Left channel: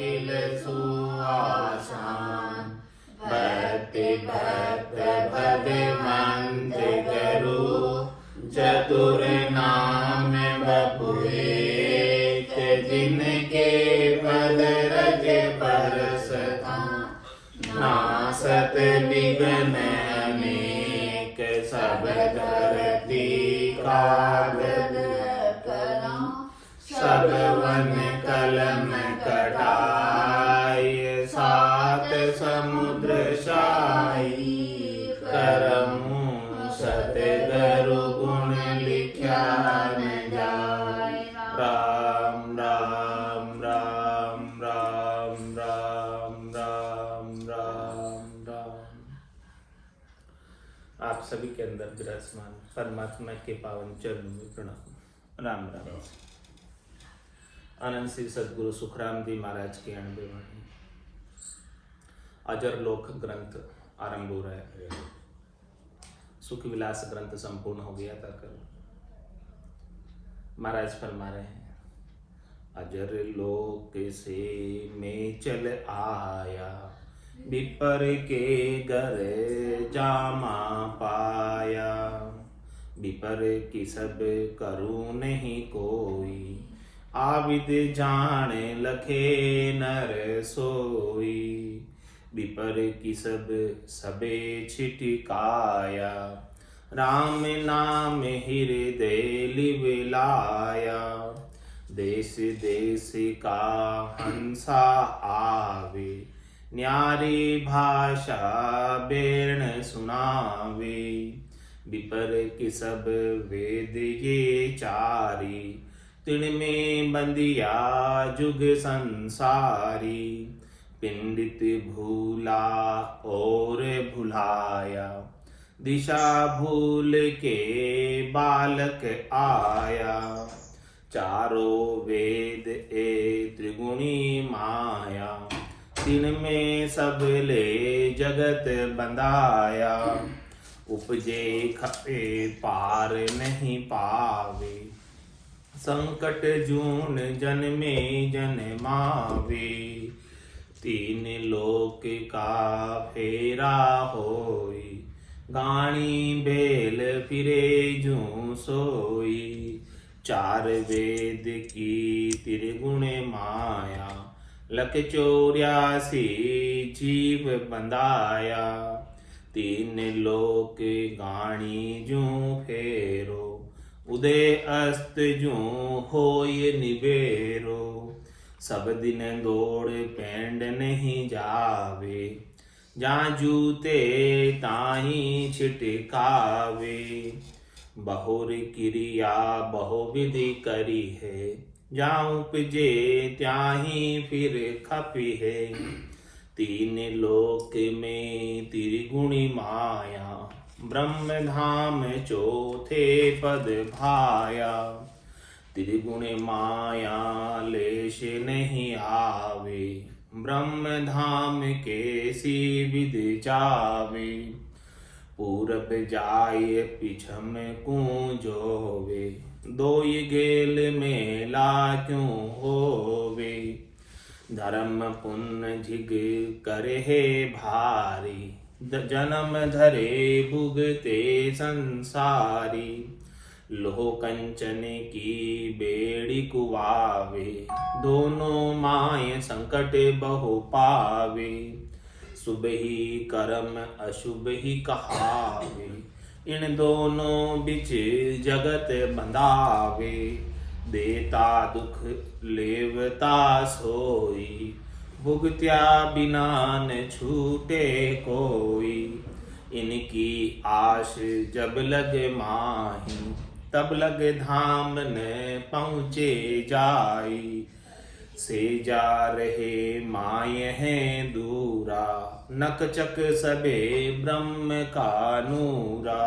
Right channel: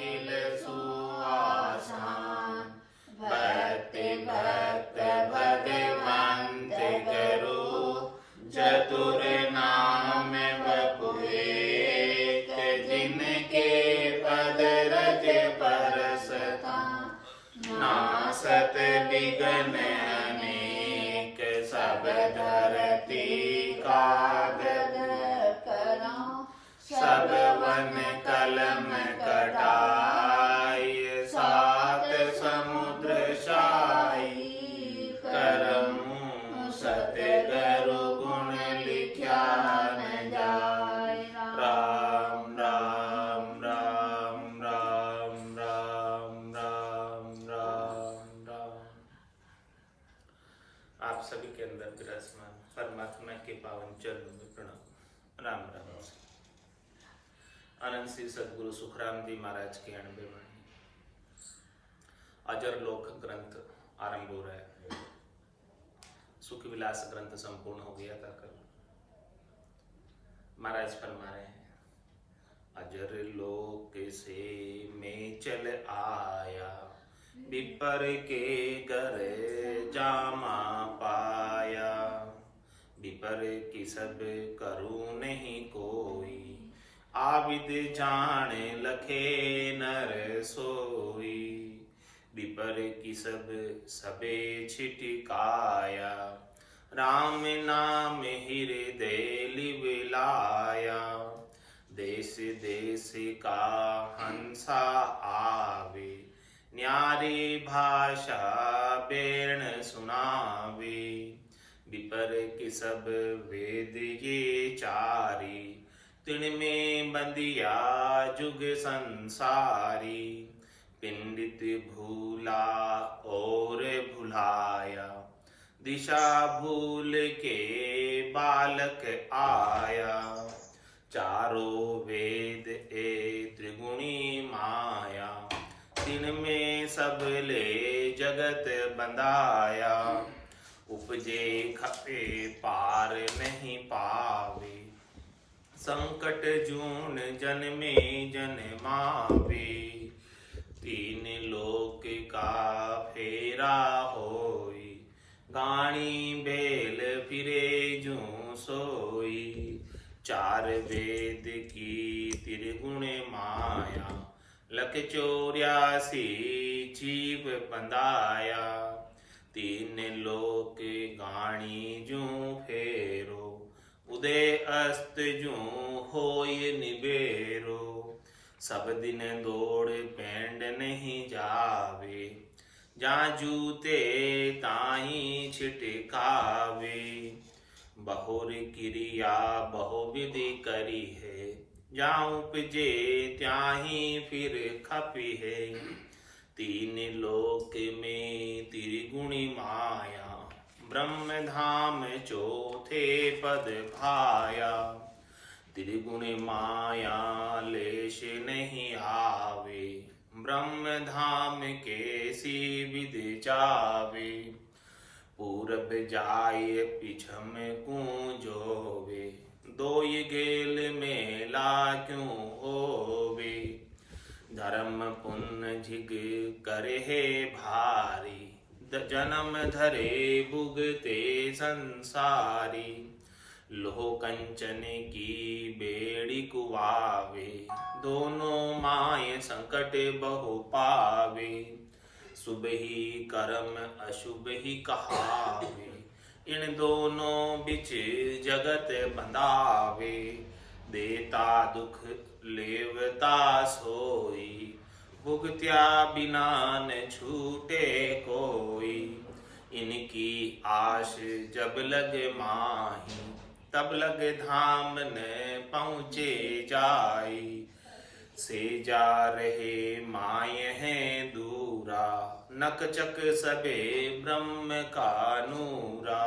किल सुआसान। भक्ति भक्त भगवंत करू, चतुर नाम बपु एक। जिनके पद रज परसता, नासत विघ्न अनेक। सब धरती कागद करा, सब वन कलम कटाई। सात समुद्र शाही, करमु सतगुरु गुण लिख्या न जाय। राम राम राम राम राम राम राम राम। आप सभी के अंदर विराजमान परमात्मा के पावन चरणों में प्रणाम। राम राम। आनंद श्री सदगुरु सुखराम जी महाराज की 90 वाणी अजर लोक ग्रंथ आरंभ हो रहा है। सुख विलास ग्रंथ संपूर्ण हो गया था कल। महाराज फरमा रहे हैं, अजर लोक से मैं चल आया, विपर के घर जामा पाया। विपर की सब करूं नहीं कोई, आविद जान लखे नर सोई। विपर की सब सबे छिटकाया, राम नाम हृदय लिवलाया। देश देश का हंसा आवे, न्यारी भाषा बेर्ण सुनावे। विपर की सब वेद ये चारी, तिनमें बंदिया जुग संसारी। पिंडित भूला और भुलाया, दिशा भूल के बालक आया। चारों वेद ए त्रिगुणी माया, तिनमें सब ले जगत बंधाया। उपजे खपे पार नहीं पावे, संकट जून जन्मे जन्मावे। तीन लोक का फेरा होई, गाणी बेल फिरे जूं सोई। चार वेद की त्रिगुण माया, लख 84 जीव बंधाया। तीन लोक गाणी जूं फेरो, उदय अस्त जूं होय निबेरो। सब दिन दौड़ पेंड नहीं जावे, जहाँ जूते ताही छिटकावे। बहुर क्रिया बहुविधि करी है, जहाँ उपजे त्याही फिर खपी है। तीन लोक में त्रिगुणी माया, ब्रह्म धाम चौथे पद भाया। त्रिगुण माया लेश नहीं आवे, ब्रह्म धाम कैसी विद जावे। पूरब जाय पिछम कूंजोवे, दोई गेल मेला क्यों होवे। धर्म पुण्य झिग करे है भारी, जन्म धरे भुगते संसारी। लोह कंचन की बेड़ी कुआवे, दोनों माय संकट बहु पावे। शुभ ही कर्म अशुभ ही कहावे, इन दोनों बिच जगत बंधावे। देता दुख लेवता सोई, भुगत्या बिना न छूटे कोई। इनकी आश जब लग माही, तब लग धाम न पहुँचे जाई। से जा रहे माय हैं दूरा, नक चक सबे ब्रह्म का नूरा।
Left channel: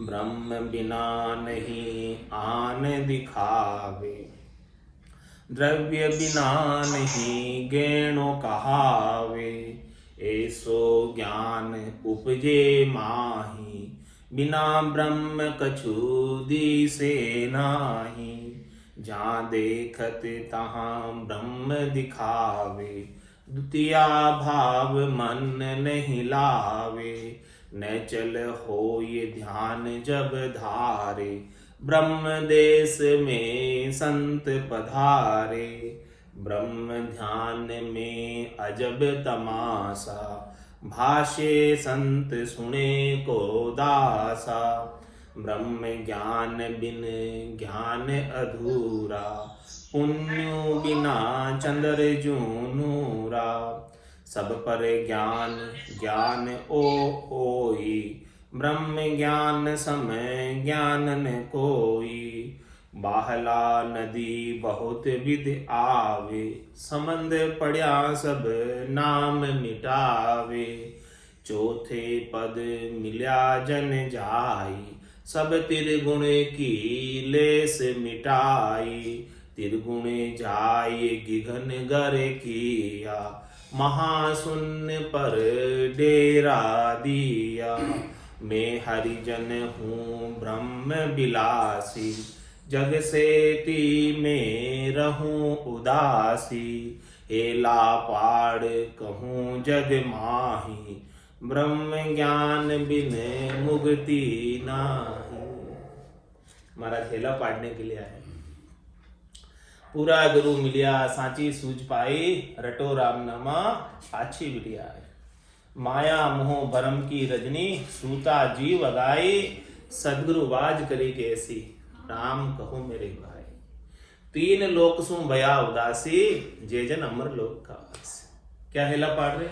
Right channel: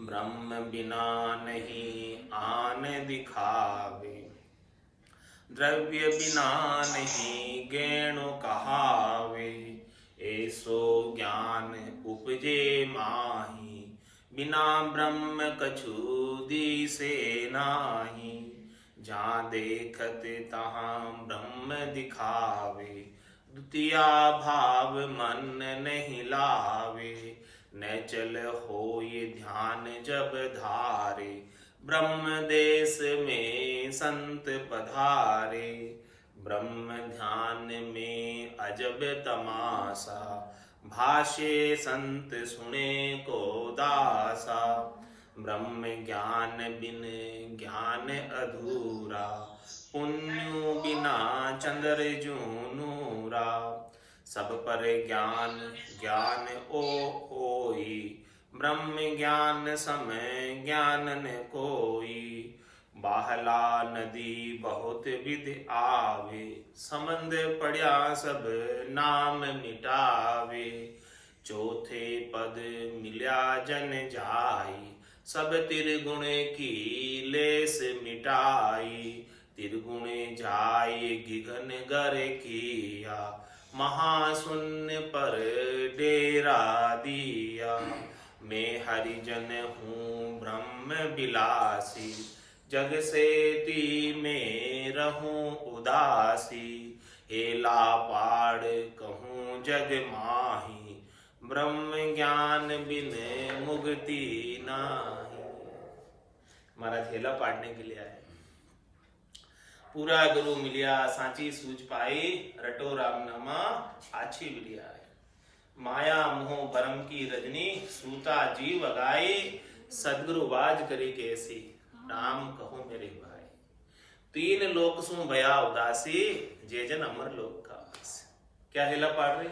ब्रह्म बिना नहीं आन दिखावे, द्रव्य बिना नहीं गैणो कहावे। ऐसो ज्ञान उपजे माही, बिना ब्रह्म कछु दिसे नाही। जहाँ देखत तहाँ ब्रह्म दिखावे, द्वितीया भाव मन नहीं लावे। न चल हो ये ध्यान जब धारे, ब्रह्म देश में संत पधारे। ब्रह्म ध्यान में अजब तमाशा, भाष्य संत सुने को दासा। ब्रह्म ज्ञान बिन ज्ञान अधूरा, पुण्य बिना चंद्र जू नूरा। सब पर ज्ञान ज्ञान ओई, ब्रह्म ज्ञान समय ज्ञान न कोई। बाहला नदी बहुत विध आवे, समंद पड़या सब नाम मिटावे। चौथे पद मिल्या जन जाई, सब तिरगुण की लेस मिटाई। तिरगुण जाय गिघन गर किया, महाशून्य पर डेरा दिया। मैं हरिजन हूँ ब्रह्म बिलासी, जग से ती में रहूं उदासी। हेला पाड़ कहूँ जग माही, ब्रह्म ज्ञान बिन मुक्ति नाही। महाराज हेला पाड़ने के लिए आए। पूरा गुरु मिलिया सांची सूझ पाई, रटो राम नामा पाछी बिटिया है। माया मोह भरम की रजनी, सूता जीव अगाई। सदगुरु बाज करे कैसी, राम कहो मेरे भाई। तीन लोक सु भया उदासी, जे जन अमर लोक का वासी। क्या हेला पाड़ रहे?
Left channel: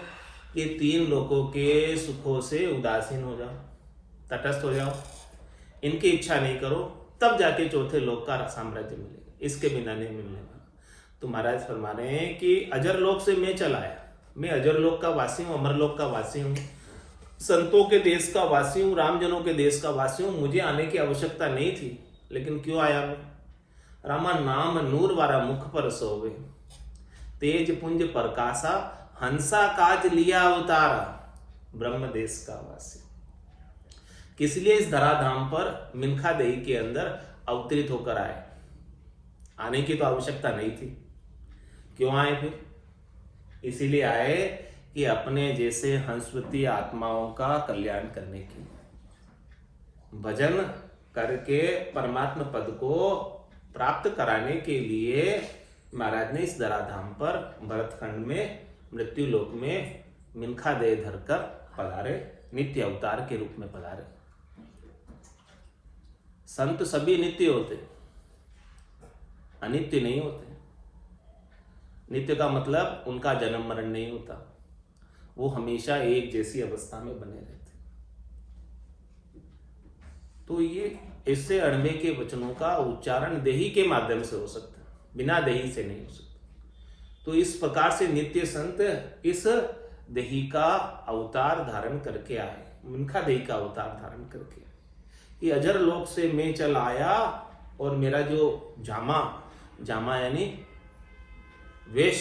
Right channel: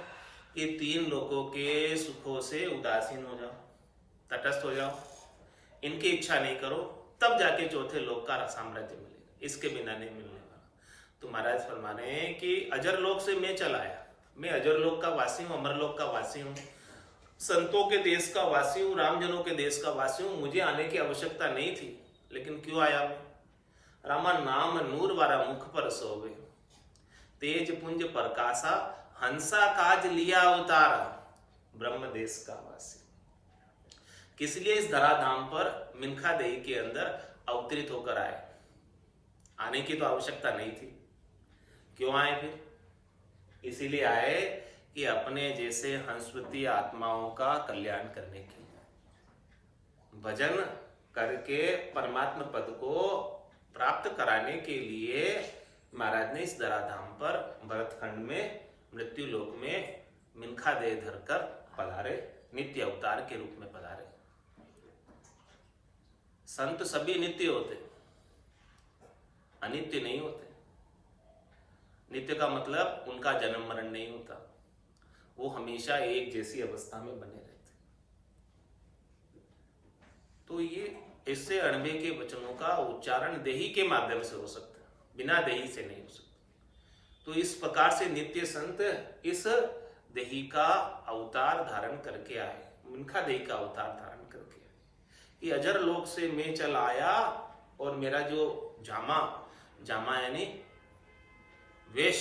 ये तीन लोकों के सुखों से उदासीन हो जाओ, तटस्थ हो जाओ, इनकी इच्छा नहीं करो, तब जाके चौथे लोक का साम्राज्य मिलेगा, इसके बिना नहीं मिलने वाला। तो महाराज फरमा रहे हैं कि अजर लोक से मैं चला आया, मैं अजर लोक का वासी हूँ, अमर लोक का वासी हूँ, संतों के देश का वासी हूँ, रामजनों के देश का वासी हूँ। मुझे आने की आवश्यकता नहीं थी, लेकिन क्यों आया मैं? रामा नाम नूर वारा मुख पर सोवे, तेज पुंज प्रकाशा, हंसा काज लिया अवतारा। ब्रह्म देश का वासी किस लिए इस धराधाम पर मिनखा देही के अंदर अवतरित होकर आए? आने की तो आवश्यकता नहीं थी, क्यों आए फिर? इसीलिए आए कि अपने जैसे हंसवती आत्माओं का कल्याण करने के लिए, भजन करके परमात्मा पद को प्राप्त कराने के लिए महाराज ने इस धराधाम पर भरतखंड में मृत्यु लोक में मिनखा देह धरकर पधारे, नित्य अवतार के रूप में पधारे। संत सभी नित्य होते, अनित्य नहीं होते। नित्य का मतलब उनका जन्म मरण नहीं होता, वो हमेशा एक जैसी अवस्था में बने रहते। तो ये इससे अणबे के वचनों का उच्चारण देही के माध्यम से हो सकता है, बिना देही से नहीं हो सकता। तो इस प्रकार से नित्य संत इस देही का अवतार धारण करके आए, मिनखा देही का अवतार धारण करके आए कि अजर लोक से मैं चल आया और मेरा जो जामा यानी वेश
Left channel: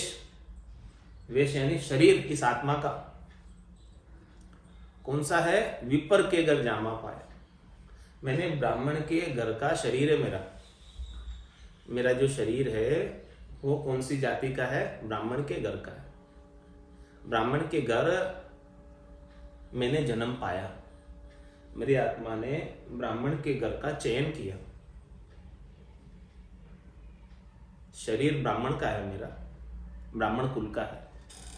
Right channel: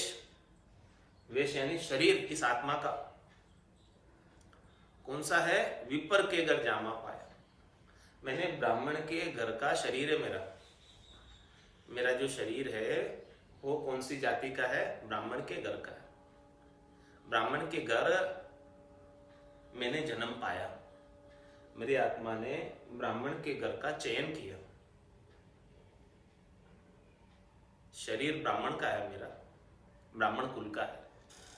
यानी शरीर, इस आत्मा का कौन सा है? विपर के घर जामा पाया। मैंने ब्राह्मण के घर का शरीर है मेरा जो शरीर है वो कौन सी जाति का है? ब्राह्मण के घर का है। ब्राह्मण के घर मैंने जन्म पाया, मेरी आत्मा ने ब्राह्मण के घर का चयन किया। शरीर ब्राह्मण का है, मेरा ब्राह्मण कुल का है,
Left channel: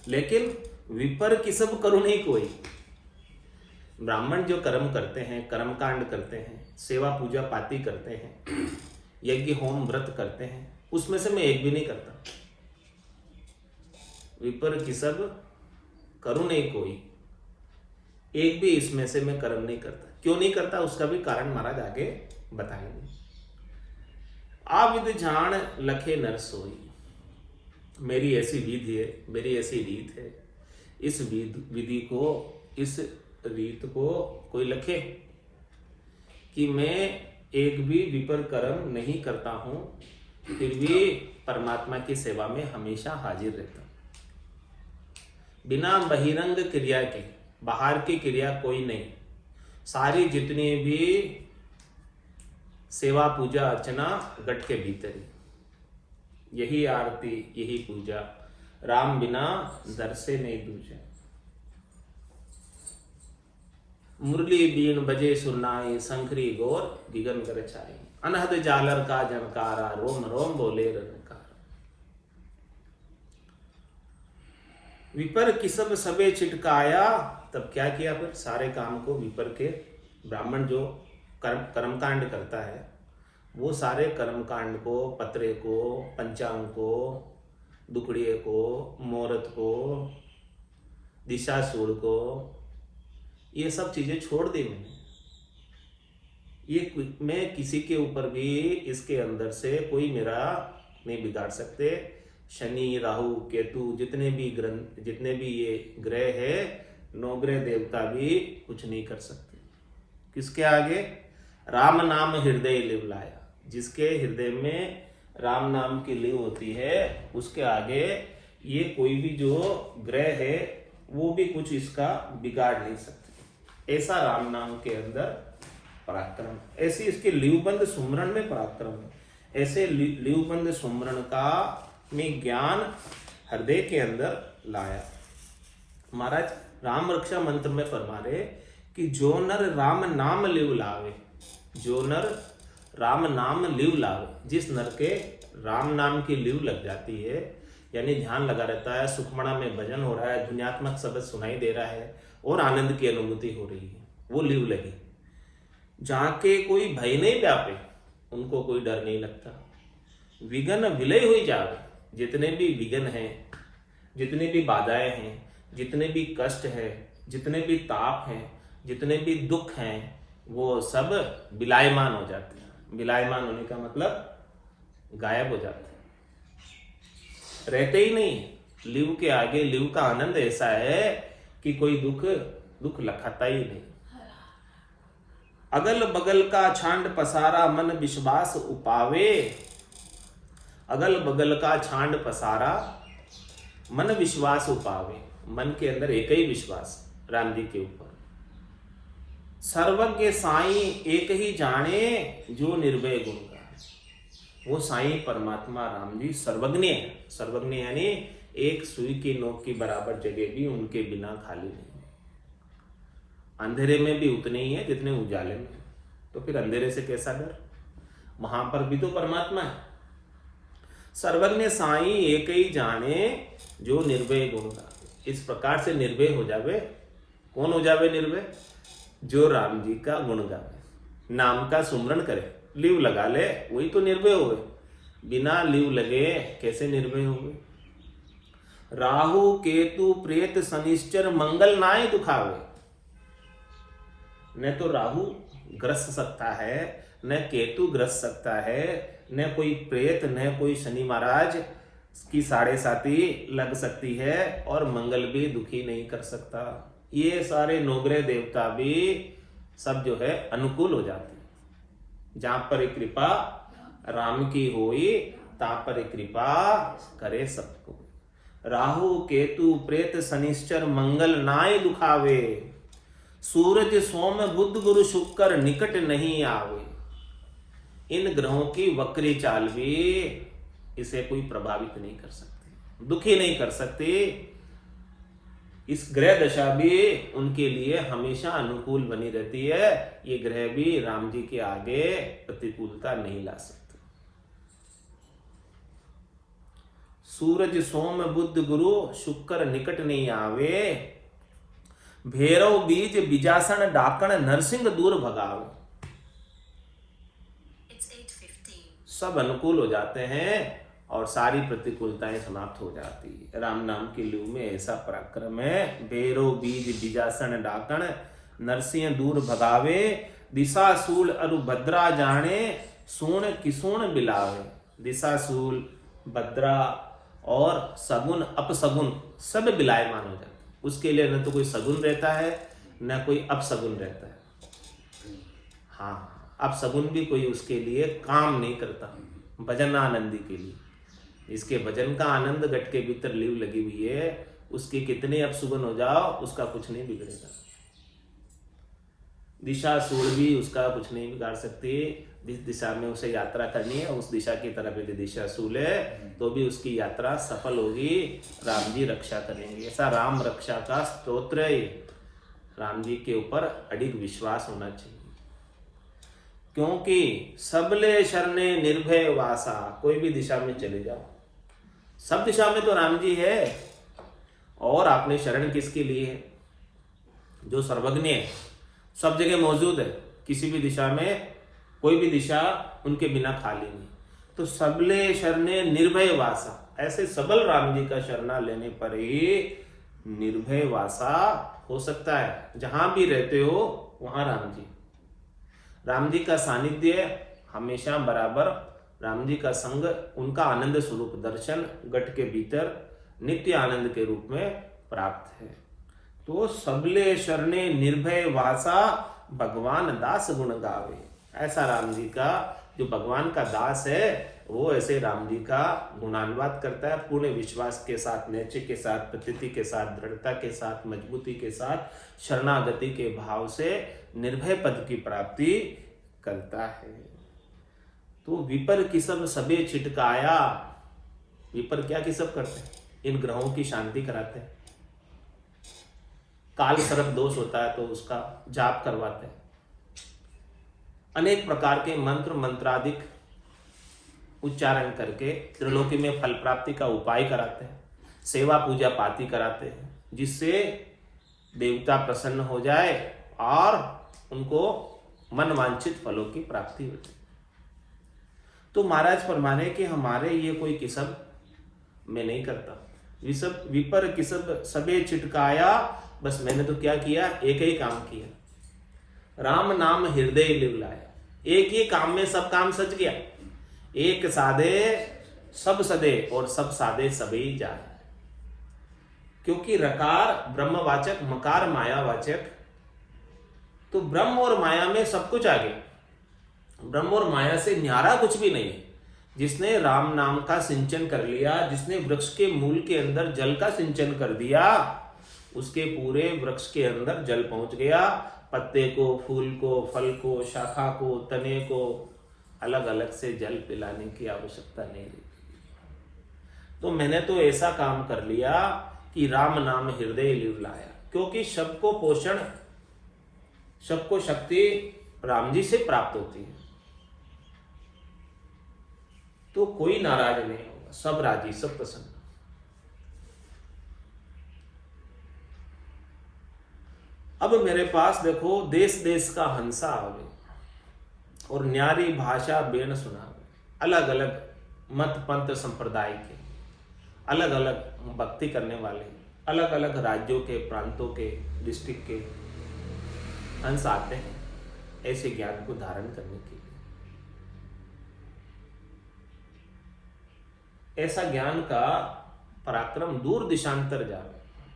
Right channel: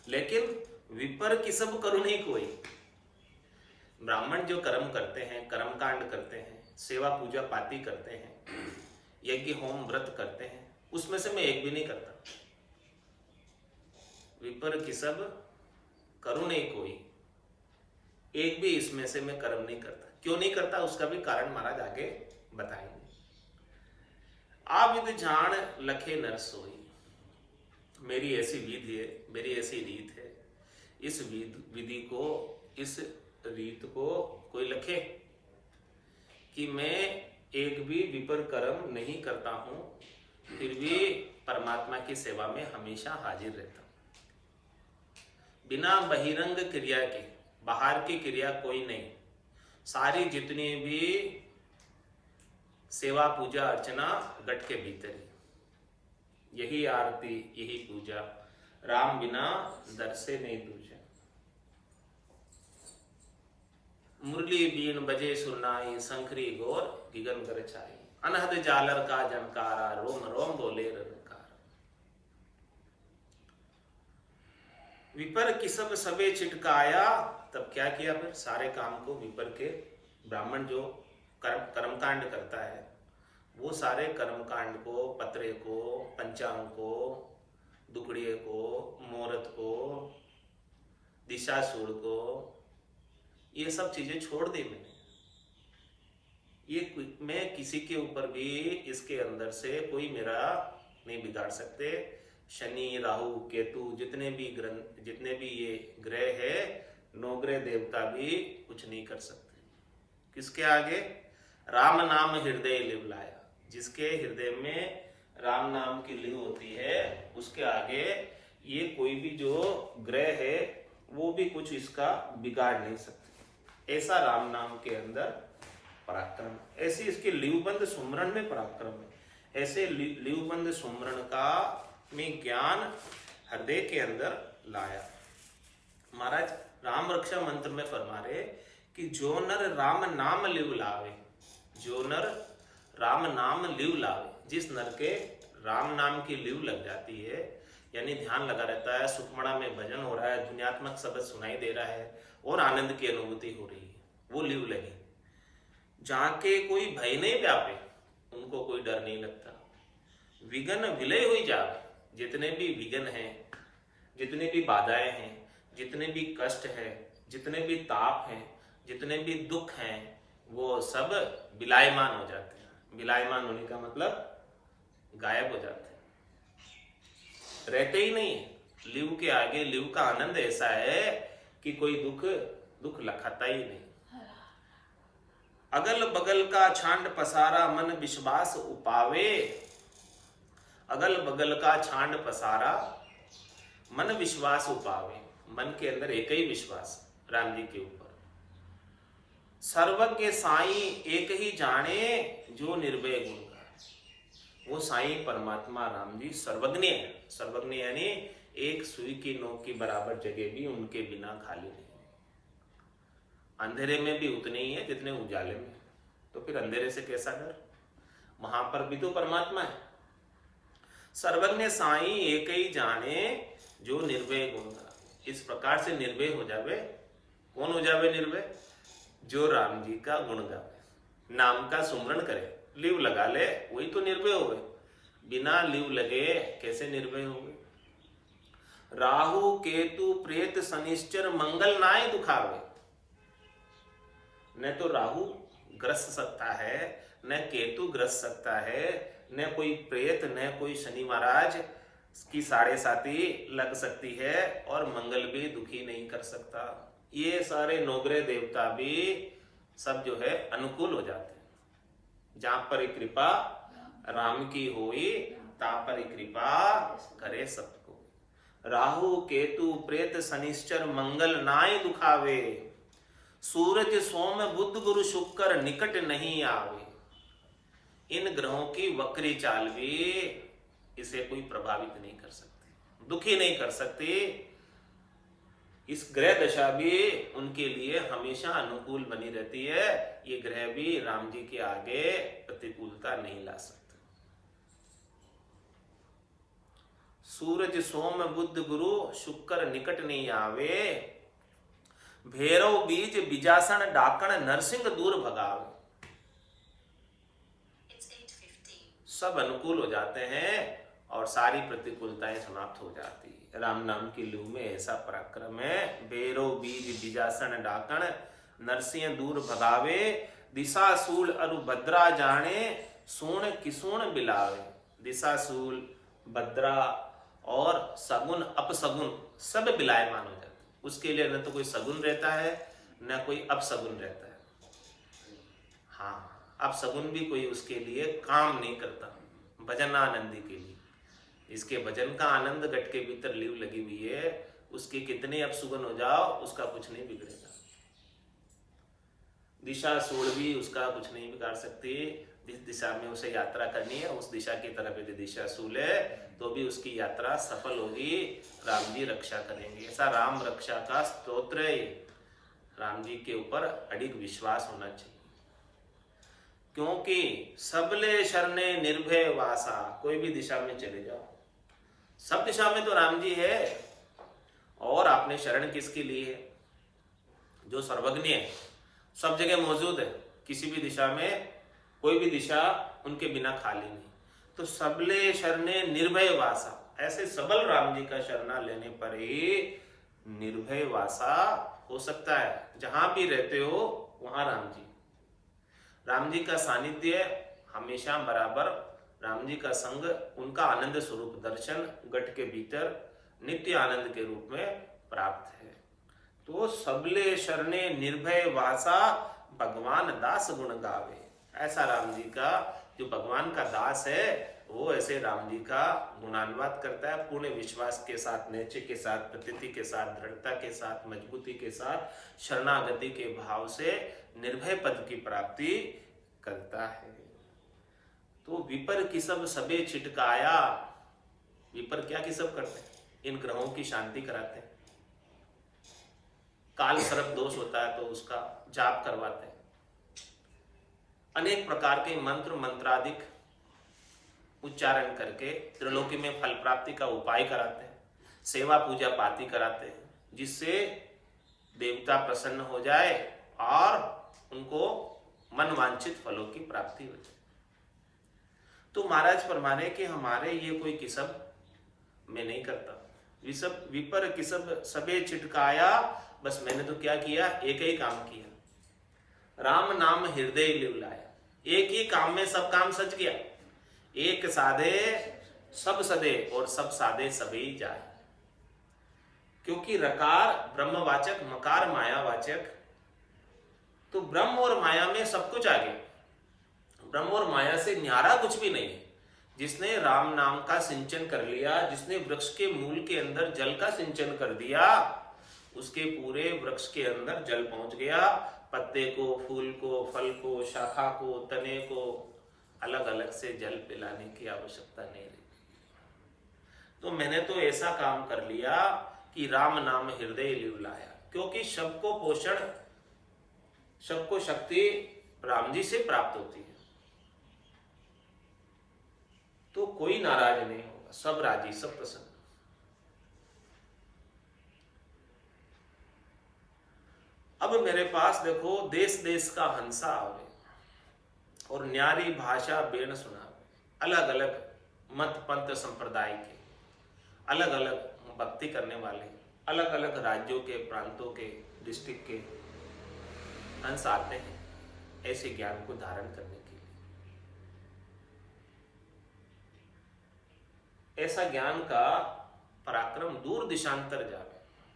लेकिन विपर की सब करो नहीं कोई। ब्राह्मण जो कर्म करते हैं, कर्मकांड करते हैं, सेवा पूजा पाती करते हैं, यज्ञ होम व्रत करते हैं, उसमें से मैं एक भी नहीं करता। विपर की सब करूं नहीं कोई, एक भी इसमें से मैं कर्म नहीं करता। क्यों नहीं करता उसका भी कारण महाराज आगे बताएंगे। आविद जान लखे नर सोई, मेरी ऐसी विधि है, मेरी ऐसी रीत है। इस विधि को, इस रीत को कोई लखे कि मैं एक भी विपर कर्म नहीं करता हूं, फिर भी परमात्मा की सेवा में हमेशा हाजिर रहता हूं। बिना बहिरंग क्रिया के, बाहर की क्रिया कोई नहीं, सारी जितनी भी सेवा पूजा अर्चना गट के भीतर ही। यही आरती यही पूजा, राम बिना दर से नहीं दूजा। मुरली बीन बजे सुरनाई, शंखरी गोर गिगन कर छाई, अनहद जालर का जनकारा, रोम रोम बोले रनकार। विपर किसब सबे छिटकाया, तब क्या किया, फिर सारे काम को विपर के ब्राह्मण जो कर्मकांड करता है वो सारे कर्मकांड को, पत्रे को, पंचांग को, दुकड़िए को, मुहूर्त को, दिशाशूल को, ये सब चीजें छोड़ दी मैंने। ये मैं किसी के ऊपर भी इसके अंदर से कोई मेरा नहीं बिगाड़ सकते। शनि राहु केतु जितने भी ये ग्रह है, नौग्रह देवता भी कुछ नहीं कर सकते। किसके आगे? राम नाम हृदय लिव लाया, जिसके हृदय में राम नाम की लिव होती है उसके आगे ये कोई भी जो ग्रह है वो भी कुछ इसका बिगाड़ नहीं सकते। ऐसा राम नाम के अंदर पराक्रम, ऐसी इसके लिवबंद सुमरण में पराक्रम है। ऐसे लिवबंद सुमरण का में ज्ञान हृदय के अंदर लाया। महाराज राम रक्षा मंत्र में फरमा रहे कि जो नर राम नाम लिव लावे, जो नर राम नाम लिव लावे, जिस नर के राम नाम की लिव लग जाती है, यानी ध्यान लगा रहता है, सुखमणा में भजन हो रहा है, दुनियात्मक शब्द सुनाई दे रहा है और आनंद की अनुभूति हो रही है, वो लिव लगी। जहाँ के कोई भय नहीं व्यापे, उनको कोई डर नहीं लगता। विघन विलय हुई जावे, जितने भी विघन हैं, जितने भी बाधाएं हैं, जितने भी कष्ट है, जितने भी ताप हैं, जितने भी दुख हैं, वो सब विलायमान हो जाते हैं। विलायमान होने का मतलब गायब हो जाते हैं, रहते ही नहीं है। लिव के आगे लिव का आनंद ऐसा है कि कोई दुख लखाता ही नहीं। अगल बगल का छांड पसारा, मन विश्वास उपावे, अगल बगल का छांड पसारा, मन विश्वास उपावे, मन के अंदर एक ही विश्वास राम जी के ऊपर। सर्वज्ञ साई एक ही जाने, जो निर्भय गुण गावे। वो साई परमात्मा राम जी सर्वज्ञ है। सर्वज्ञ यानी एक सुई की नोक की बराबर जगह भी उनके बिना खाली नहीं है। अंधेरे में भी उतने ही है जितने उजाले में, तो फिर अंधेरे से कैसा डर? वहां पर भी तो परमात्मा है। सर्वज्ञ साई एक ही जाने, जो निर्भय गुण गावे। इस प्रकार से निर्भय हो जावे। कौन हो जावे निर्भय? जो राम जी का गुण गावे, नाम का सुमरण करे, लिव लगा ले, वही तो निर्भय हुए। बिना लिव लगे कैसे निर्भय हुए? राहु केतु प्रेत शनिश्चर मंगल नाय दुखावे। न तो राहु ग्रस्त सकता है, न केतु ग्रस्त सकता है, न कोई प्रेत, न कोई शनि महाराज की साढ़े साती लग सकती है, और मंगल भी दुखी नहीं कर सकता। ये सारे नौग्रह देवता भी सब जो है अनुकूल हो जाते हैं। जहां पर कृपा राम की होई, तहां पर कृपा करे सबको। राहु केतु प्रेत शनिश्चर मंगल नाय दुखावे, सूरज सोम बुध गुरु शुक्र निकट नहीं आवे। इन ग्रहों की वक्री चाल भी इसे कोई प्रभावित नहीं कर सकते, दुखी नहीं कर सकते। इस ग्रह दशा भी उनके लिए हमेशा अनुकूल बनी रहती है। ये ग्रह भी राम जी के आगे प्रतिकूलता नहीं ला सकते। सूरज सोम बुध गुरु शुक्र निकट नहीं आवे, भैरव बीज बिजासन डाकण नरसिंह दूर भगावे। सब अनुकूल हो जाते हैं और सारी प्रतिकूलताएं समाप्त हो जाती है। राम नाम की लू में ऐसा पराक्रम है। भैरव बीज बिजासन डाकण नरसिंह दूर भगावे, दिशाशूल अरु भद्रा जाने, सूण किसूण बिलावे। दिशाशूल, भद्रा और सगुन अपसगुन सब बिलायमान हो जाते। उसके लिए न तो कोई सगुन रहता है, न कोई अपसगुन रहता है। हाँ, अपसगुन भी कोई उसके लिए काम नहीं करता। भजन आनंदी के लिए, इसके भजन का आनंद घट के भीतर लिव लगी हुई है, उसके कितने अपसुगन हो जाओ उसका कुछ नहीं बिगड़ेगा। दिशा सूल भी उसका कुछ नहीं बिगाड़ सकती। जिस दिशा में उसे यात्रा करनी है उस दिशा की तरफ यदि दिशा सूल है तो भी उसकी यात्रा सफल होगी। राम जी रक्षा करेंगे। ऐसा राम रक्षा का स्तोत्र है। राम जी के ऊपर अडिग विश्वास होना चाहिए, क्योंकि सबले शरणे निर्भय वासा। कोई भी दिशा में चले जाओ, सब दिशा में तो राम जी है, और आपने शरण किसके लिए है? जो सर्वज्ञ है, सब जगह मौजूद है, किसी भी दिशा में कोई भी दिशा उनके बिना खाली नहीं। तो सबले शरणे निर्भय वासा, ऐसे सबल राम जी का शरणा लेने पर ही निर्भय वासा हो सकता है। जहां भी रहते हो वहां राम जी का सानिध्य हमेशा बराबर, राम जी का संग, उनका आनंद स्वरूप दर्शन घट के भीतर नित्य आनंद के रूप में प्राप्त है। तो सबले शरणे निर्भय वासा, भगवान दास गुण गावे। ऐसा राम जी का जो भगवान का दास है वो ऐसे राम जी का गुणानुवाद करता है, पूर्ण विश्वास के साथ, निश्चय के साथ, प्रतीति के साथ, दृढ़ता के साथ, मजबूती के साथ, शरणागति के भाव से निर्भय पद की प्राप्ति करता है। तो विपर किसब सबे छिटकाया। विपर क्या किसब करते हैं? इन ग्रहों की शांति कराते हैं। काल सर्प दोष होता है तो उसका जाप करवाते हैं। अनेक प्रकार के मंत्र मंत्रादिक उच्चारण करके त्रिलोकी में फल प्राप्ति का उपाय कराते हैं। सेवा पूजा पाती कराते हैं, जिससे देवता प्रसन्न हो जाए और उनको मन वांछित फलों की प्राप्ति हो जाए। तो महाराज फरमाने कि हमारे ये कोई किसब मैं नहीं करता। विपर किसब सबे छिटकाया। बस मैंने तो क्या किया? एक ही काम किया, राम नाम हृदय लिव लाया। एक ही काम में सब काम सज गया। एक साधे सब सदे और सब साधे सबई जाए। क्योंकि रकार ब्रह्मवाचक, मकार मायावाचक, तो ब्रह्म और माया में सब कुछ आ गया। ब्रह्म और माया से न्यारा कुछ भी नहीं है। जिसने राम नाम का सिंचन कर लिया, जिसने वृक्ष के मूल के अंदर जल का सिंचन कर दिया, उसके पूरे वृक्ष के अंदर जल पहुंच गया। पत्ते को, फूल को, फल को, शाखा को, तने को अलग अलग से जल पिलाने की आवश्यकता नहीं रही। तो मैंने तो ऐसा काम कर लिया कि राम नाम हृदय लिव लाया। क्योंकि सबको पोषण, सबको शक्ति राम जी से प्राप्त होती है। तो कोई नाराज नहीं होगा, सब राजी, सब प्रसन्न। अब मेरे पास देखो, देश देश का हंसा आवे और न्यारी भाषा बेन सुनावे। अलग अलग मत पंथ संप्रदाय के, अलग अलग भक्ति करने वाले, अलग अलग राज्यों के, प्रांतों के, डिस्ट्रिक्ट के हंस आते हैं ऐसे ज्ञान को धारण करने के लिए। ऐसा ज्ञान का पराक्रम दूर दिशांतर जावे,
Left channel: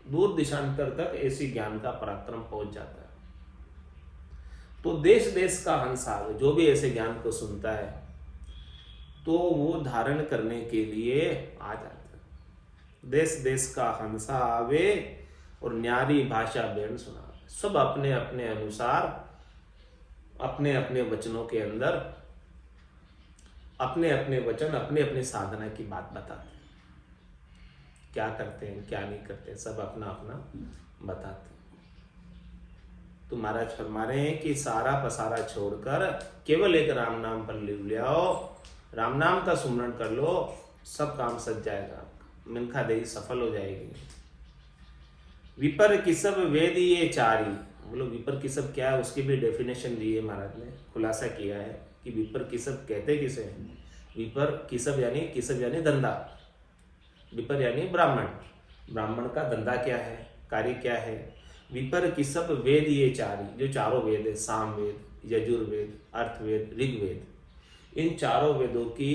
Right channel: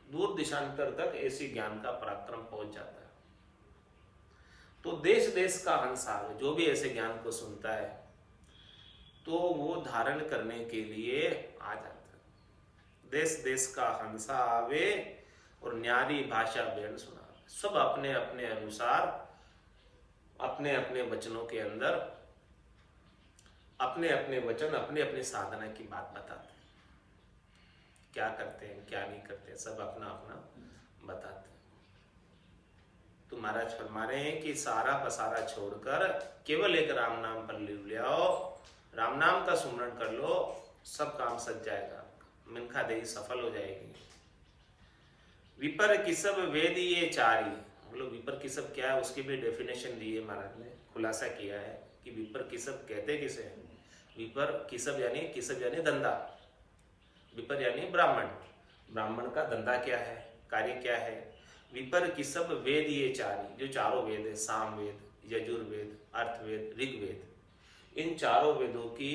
दूर दिशांतर तक ऐसी ज्ञान का पराक्रम पहुंच जाता है। तो देश देश का हंस आवे, जो भी ऐसे ज्ञान को सुनता है तो वो धारण करने के लिए आ जाता है। देश देश का हंसा आवे और न्यारी भाषा बेन सुनावे। सब अपने अपने अनुसार, अपने अपने वचनों के अंदर अपने अपने वचन, अपने अपने साधना की बात बताते हैं। क्या करते हैं, क्या नहीं करते, सब अपना अपना बताते हैं। तो महाराज फरमा रहे हैं कि सारा पसारा छोड़कर केवल एक राम नाम पर लिव ले आओ, राम नाम का सुमरण कर लो, सब काम सज जाएगा, मिनखा देही सफल हो जाएगी। विपर किसब वेद ये चारी। बोलो विपर किसब क्या है, उसकी भी डेफिनेशन दी है महाराज ने, खुलासा किया है कि विपर किसब कहते किसे हैं। विपर किसब यानी धंधा, विपर यानी ब्राह्मण। ब्राह्मण का धंधा क्या है, कार्य क्या है। विपर किसब वेद ये चारी, जो चारों वेद है, साम वेद, यजुर्वेद, अर्थवेद, ऋग्वेद, इन चारों वेदों की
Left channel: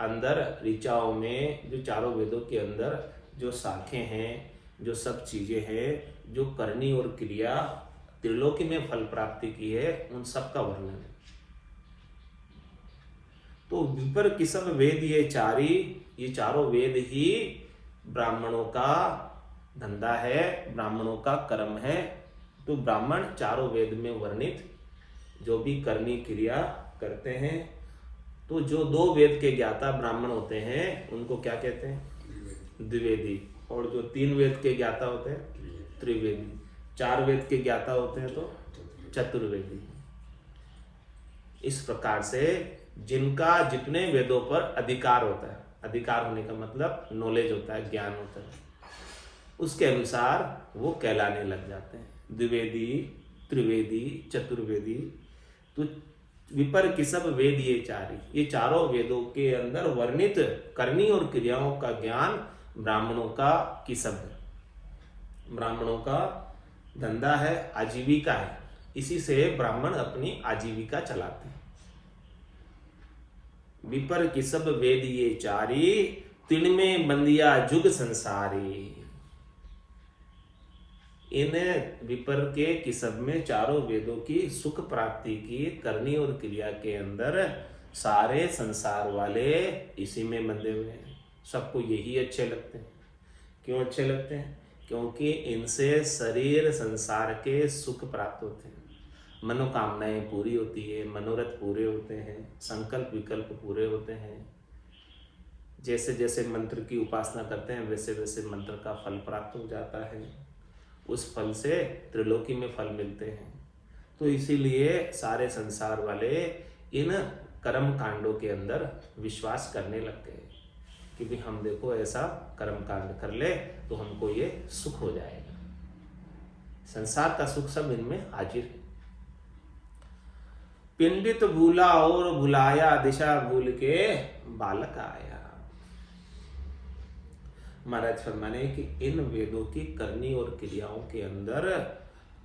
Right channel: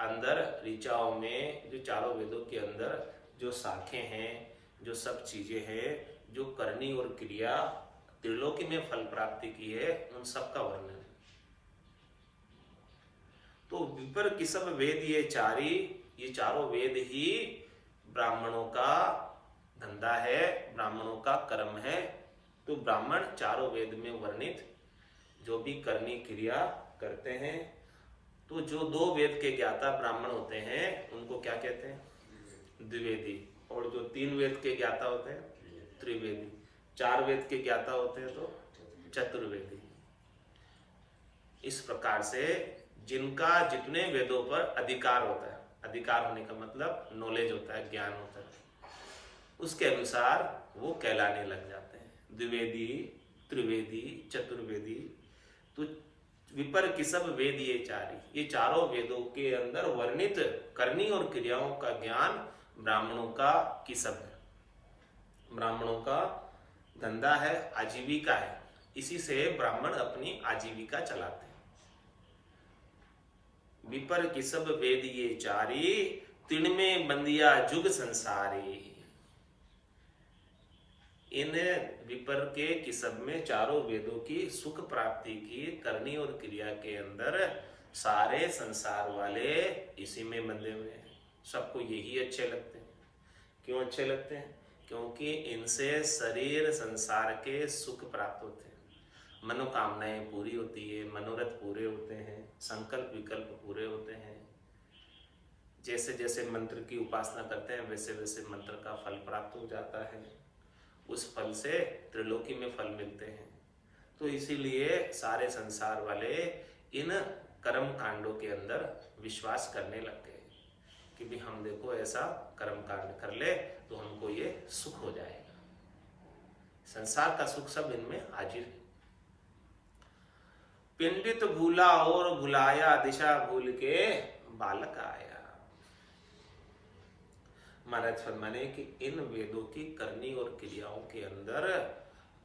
अंदर ऋचाओं में, जो चारों वेदों के अंदर जो शाखें हैं, जो सब चीजें हैं, जो करनी और क्रिया त्रिलोकी में फल प्राप्ति की है, उन सब का वर्णन है। तो विपर किसब वेद ये चारी, ये चारों वेद ही ब्राह्मणों का धंधा है, ब्राह्मणों का कर्म है। तो ब्राह्मण चारों वेद में वर्णित जो भी करनी क्रिया करते हैं, तो जो 2 वेद के ज्ञाता ब्राह्मण होते हैं उनको क्या कहते हैं? द्विवेदी। और जो 3 वेद के ज्ञाता होते हैं त्रिवेदी। 4 वेद के ज्ञाता होते हैं तो चतुर्वेदी। इस प्रकार से जिनका जितने वेदों पर अधिकार होता है, अधिकार होने का मतलब नॉलेज होता है, ज्ञान होता है, उसके अनुसार वो कहलाने लग जाते हैं द्विवेदी, त्रिवेदी, चतुर्वेदी। तो विपर किसब वेद ये चारी, ये चारों वेदों के अंदर वर्णित करनी और क्रियाओं का ज्ञान ब्राह्मणों का किसब है। ब्राह्मणों का धंधा है, आजीविका है, इसी से ब्राह्मण अपनी आजीविका चलाते हैं। विपर किसब वेद ये चारी, तिनमें बंदिया जुग संसारी। इन विपर के किसब में चारों वेदों की सुख प्राप्ति की करनी और क्रिया के अंदर सारे संसार वाले इसी में बंधे हुए हैं। सबको यही अच्छे लगते हैं। क्यों अच्छे लगते हैं? क्योंकि इनसे शरीर संसार के सुख प्राप्त होते हैं, मनोकामनाएं पूरी होती है, मनोरथ पूरे होते हैं, संकल्प विकल्प पूरे होते हैं। जैसे जैसे मंत्र की उपासना करते हैं वैसे वैसे मंत्र का फल प्राप्त हो जाता है, उस फल से त्रिलोकी में फल मिलते हैं। तो इसीलिए सारे संसार वाले इन कर्म कांडों के अंदर विश्वास करने लग गए कि भी हम देखो ऐसा कर्म कांड कर ले तो हमको ये सुख हो जाएगा। संसार का सुख सब इनमें हाजिर है। पिंडित भूला और भुलाया, दिशा भूल के बालक आया। महाराज फरमाने कि इन वेदों की करनी और क्रियाओं के अंदर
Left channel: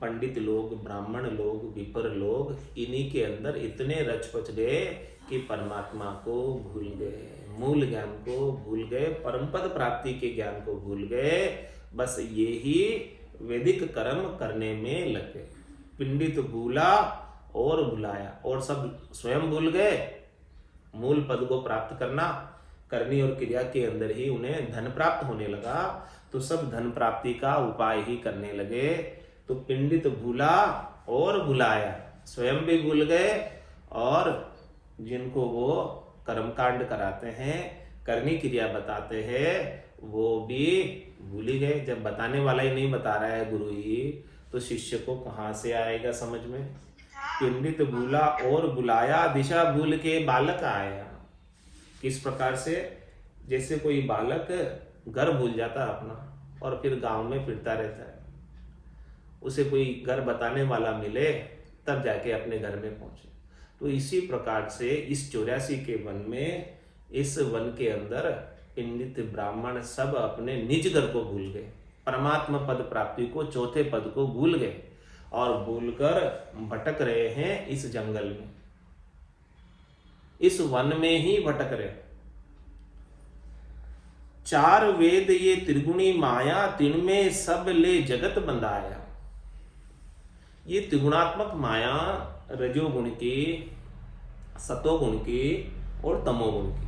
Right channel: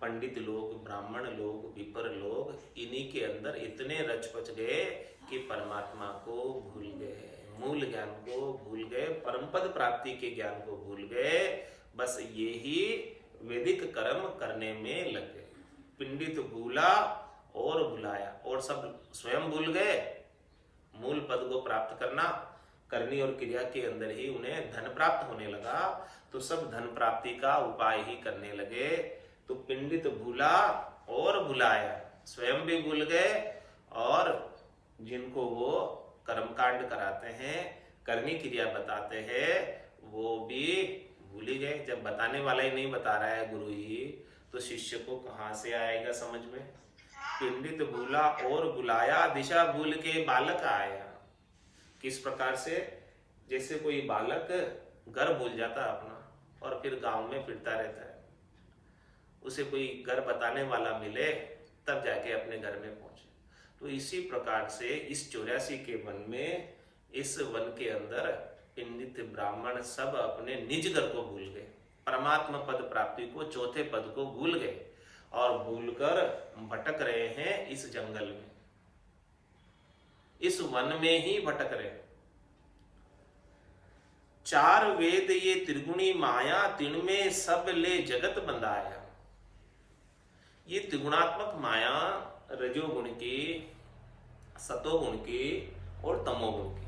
पंडित लोग, ब्राह्मण लोग, विपर लोग इन्हीं के अंदर इतने रच पच गए कि परमात्मा को भूल गए, मूल ज्ञान को भूल गए, परमपद प्राप्ति के ज्ञान को भूल गए। बस ये ही वैदिक कर्म करने में लग गए। पिंडित भूला और भुलाया, और सब स्वयं भूल गए। मूल पद को प्राप्त करना, करनी और क्रिया के अंदर ही उन्हें धन प्राप्त होने लगा, तो सब धन प्राप्ति का उपाय ही करने लगे। तो पिंडित भूला और भुलाया, स्वयं भी भूल गए और जिनको वो कर्मकांड कराते हैं, करनी क्रिया बताते हैं, वो भी भूल ही गए। जब बताने वाला ही नहीं बता रहा है गुरु ही, तो शिष्य को कहाँ से आएगा समझ में? पिंडित भूला और बुलाया, दिशा भूल के बालक आया। किस प्रकार से? जैसे कोई बालक घर भूल जाता अपना और फिर गांव में फिरता रहता है, उसे कोई घर बताने वाला मिले तब जाके अपने घर में पहुंचे। तो इसी प्रकार से इस 84 के वन में, इस वन के अंदर पिंडित ब्राह्मण सब अपने निज घर को भूल गए, परमात्मा पद प्राप्ति को, चौथे पद को भूल गए और भूलकर भटक रहे हैं इस जंगल में, इस वन में ही भटक रहे। 4 वेद ये त्रिगुणी माया, तिनमें सब ले जगत बंधाया। ये त्रिगुणात्मक माया रजोगुण की, सतोगुण की और तमोगुण की,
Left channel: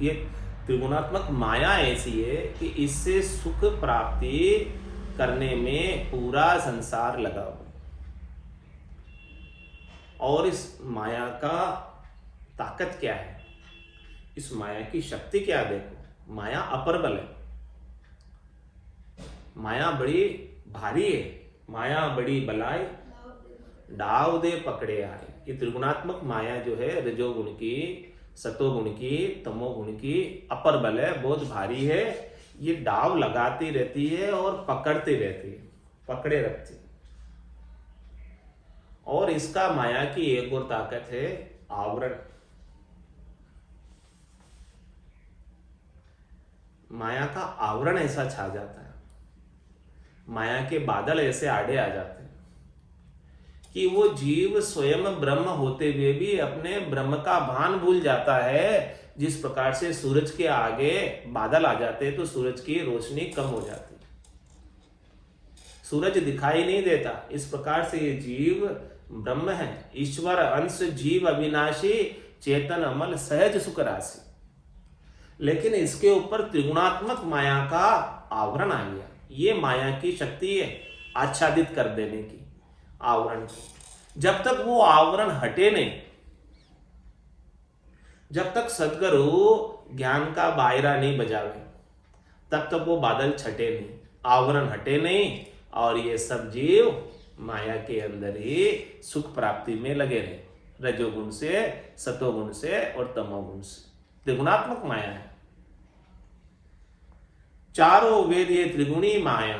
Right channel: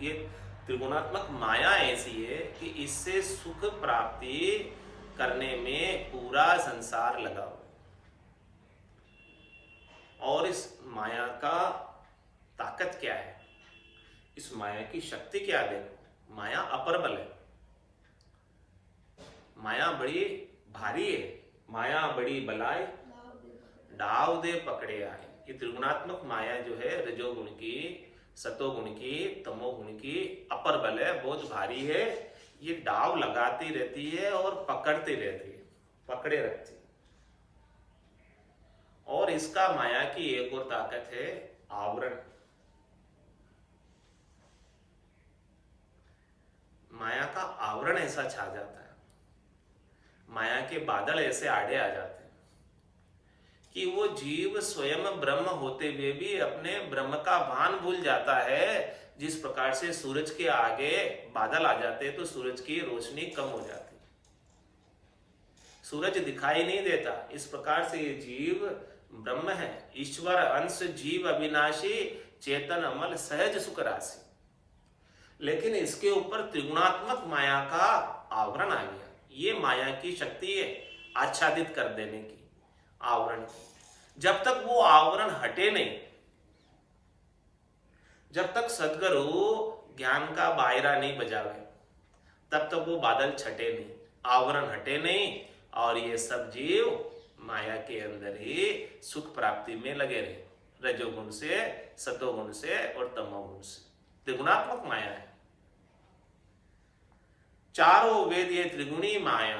ये त्रिगुणात्मक माया ऐसी है कि इससे सुख प्राप्ति करने में पूरा संसार लगा हुआ है। और इस माया का ताकत क्या है, इस माया की शक्ति क्या? देखो, माया अपरबल है, माया बड़ी भारी है, माया बड़ी बलाय डाव दे पकड़े आए। ये त्रिगुणात्मक माया जो है, रजोगुण की, सतोगुण की, तमोगुण की अपरबल है, बहुत भारी है। ये डाव लगाती रहती है और पकड़ती रहती है, पकड़े रखती है। और इसका माया की एक और ताकत है, आवरण। माया का आवरण ऐसा छा जाता है, माया के बादल ऐसे आड़े आ जाते हैं कि वो जीव स्वयं ब्रह्म होते हुए भी अपने ब्रह्म का भान भूल जाता है। जिस प्रकार से सूरज के आगे बादल आ जाते हैं तो सूरज की रोशनी कम हो जाती है, सूरज दिखाई नहीं देता। इस प्रकार से ये जीव ब्रह्म है, ईश्वर अंश जीव अविनाशी, चेतन अमल सहज सुख राशि। लेकिन इसके ऊपर त्रिगुणात्मक माया का आवरण आ गया। ये माया की शक्ति है आच्छादित कर देने की, आवरण की। जब तक वो आवरण हटे नहीं, जब तक सदगुरु ज्ञान का बायरा नहीं बजावे, तब तक वो बादल छटे नहीं, आवरण हटे नहीं, और ये सब जीव माया के अंदर ही सुख प्राप्ति में लगे रहे, रजोगुण से, सतोगुण से और तमोगुण से। त्रिगुणात्मक माया है। चारों वेद ये त्रिगुणी माया,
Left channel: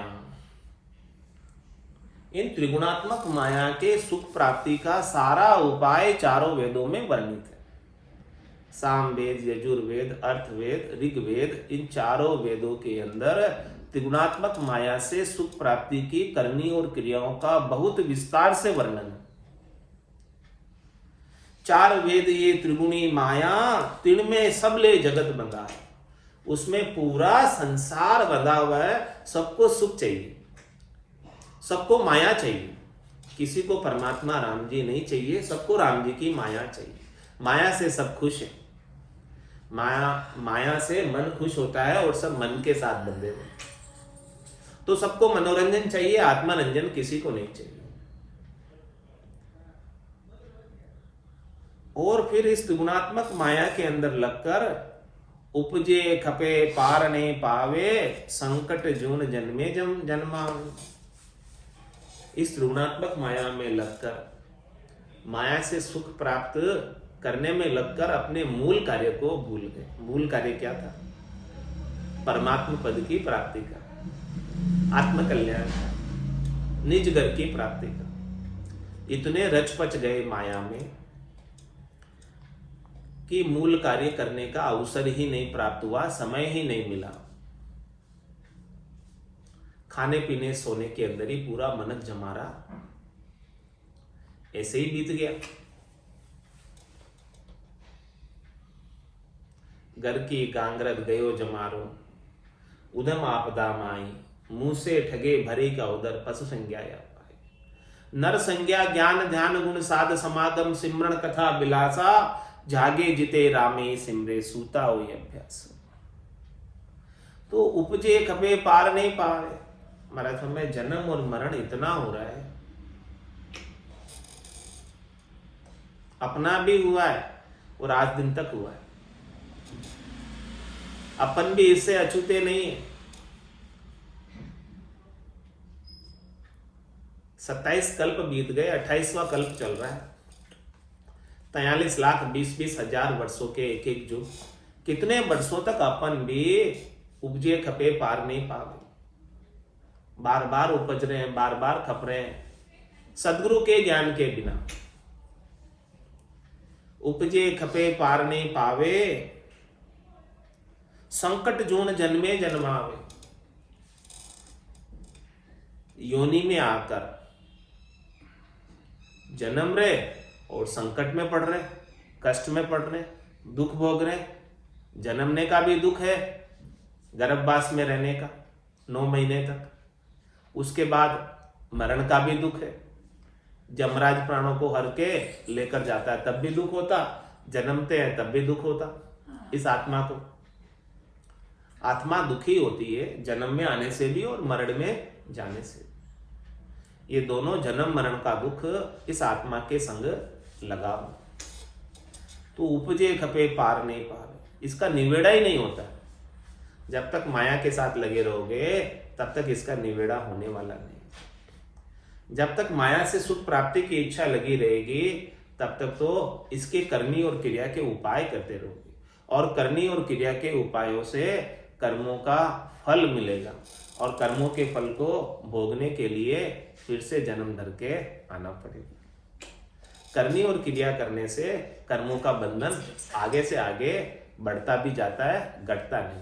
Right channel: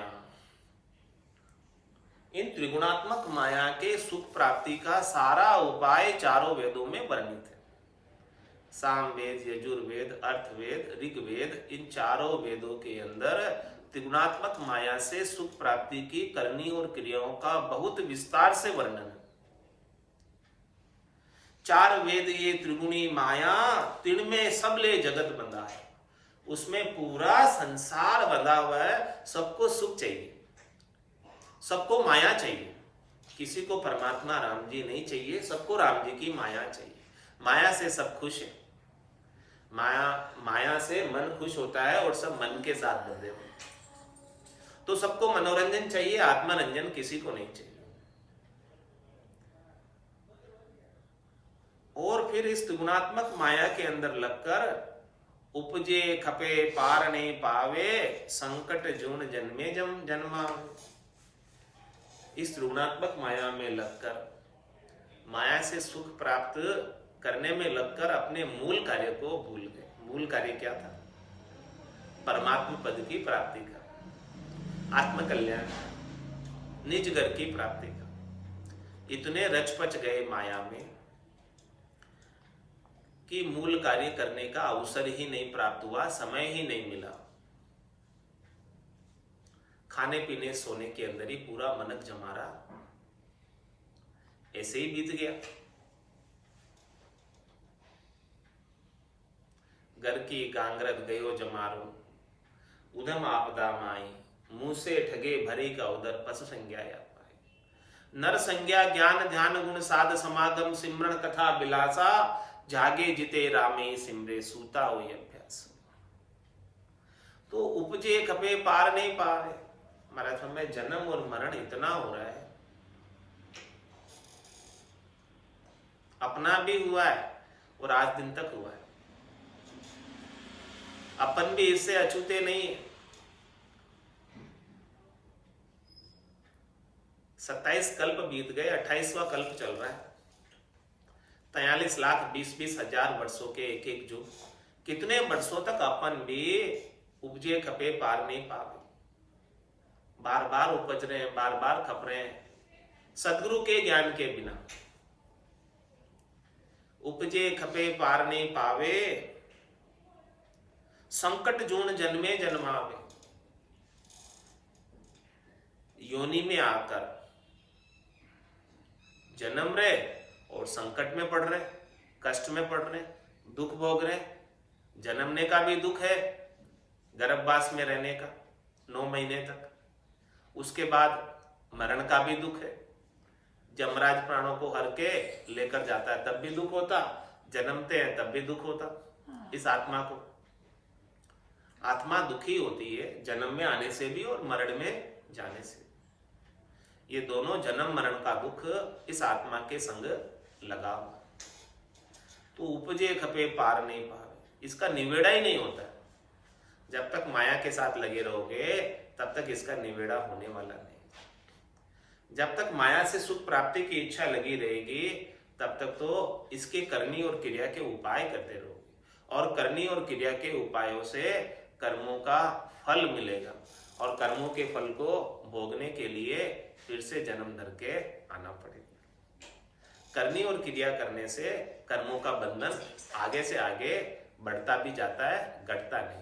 इन त्रिगुणात्मक माया के सुख प्राप्ति का सारा उपाय चारों वेदों में वर्णित है। सामवेद, यजुर्वेद, अर्थवेद, ऋग्वेद, इन चारों वेदों के अंदर त्रिगुणात्मक माया से सुख प्राप्ति की करनी और क्रियाओं का बहुत विस्तार से वर्णन है। चार वेद ये त्रिगुणी माया, तिण में सबले जगत बंधा है, उसमें पूरा संसार बंधा हुआ है। सबको सुख चाहिए, सबको माया चाहिए, किसी को परमात्मा राम जी नहीं चाहिए, सबको राम जी की माया चाहिए। माया से सब खुश है, माया से मन खुश होता है और सब मन के साथ बंधे हुए। तो सबको मनोरंजन चाहिए, आत्मरंजन किसी को नहीं चाहिए। और फिर इस त्रिगुणात्मक माया के अंदर लगकर उपजे खपे पार नहीं पावे, संकट जून जन्मे जन्मावे। इस त्रिगुणात्मक माया में लगकर, माया से सुख प्राप्त करने में लगकर अपने मूल कार्य को भूल गए। मूल कार्य क्या था? परमात्मा पद की प्राप्ति का, आत्म कल्याण का, निज घर की प्राप्ति का। इतने रच पच गए माया में कि मूल कार्य करने का अवसर ही नहीं प्राप्त हुआ, समय ही नहीं मिला। खाने पीने सोने के अंदर ही पूरा मनक जमारा ऐसे ही बीत गया। घर की गांगरत गयो जमारो, उधम आपदा माई, मुंह से ठगे भरे का उदर, पशु संज्ञा या पाए। नर संज्ञा ज्ञान ध्यान गुण साध समागम, सिमरण कथा बिलासा, जागे जिते रामे सिमरे सूता हो अभ्यास। तो उपजे खपे पार नहीं पावे। महाराज समय जन्म और मरण इतना हो रहा है, अपना भी हुआ है और आज दिन तक हुआ है। अपन भी इससे अछूते नहीं है। 27 कल्प बीत गए, 28वां कल्प चल रहा है। 43,20,20,000 वर्षों के एक एक युग। कितने वर्षों तक अपन भी उपजे खपे पार नहीं पावे, बार बार उपज रहे हैं, बार बार खप रहे हैं सदगुरु के ज्ञान के बिना। उपजे खपे पार नहीं पावे, संकट जून जन्मे जन्मावे। योनि में आकर जन्म रहे और संकट में पड़ रहे, कष्ट में पड़ रहे, दुख भोग रहे। जन्मने का भी दुख है, गर्भवास में रहने का 9 महीने तक। उसके बाद मरण का भी दुख है, जमराज प्राणों को हर के लेकर जाता है तब भी दुख होता, जन्मते हैं तब भी दुख होता। इस आत्मा को, आत्मा दुखी होती है जन्म में आने से भी और मरण में जाने से। ये दोनों जन्म मरण का दुख इस आत्मा के संग लगा हुआ। तो उपजे खपे पार नहीं पावे, इसका निवेड़ा ही नहीं होता। जब तक माया के साथ लगे रहोगे तब तक इसका निवेड़ा होने वाला नहीं। जब तक माया से सुख प्राप्ति की इच्छा लगी रहेगी तब तक तो इसके करनी और क्रिया के उपाय करते रहोगे, और करनी और क्रिया के उपायों से कर्मों का फल मिलेगा, और कर्मों के फल को भोगने के लिए फिर से जन्म धर के आना पड़ेगा। करनी और क्रिया करने से कर्मों का बंधन आगे से आगे बढ़ता भी जाता है, घटता नहीं।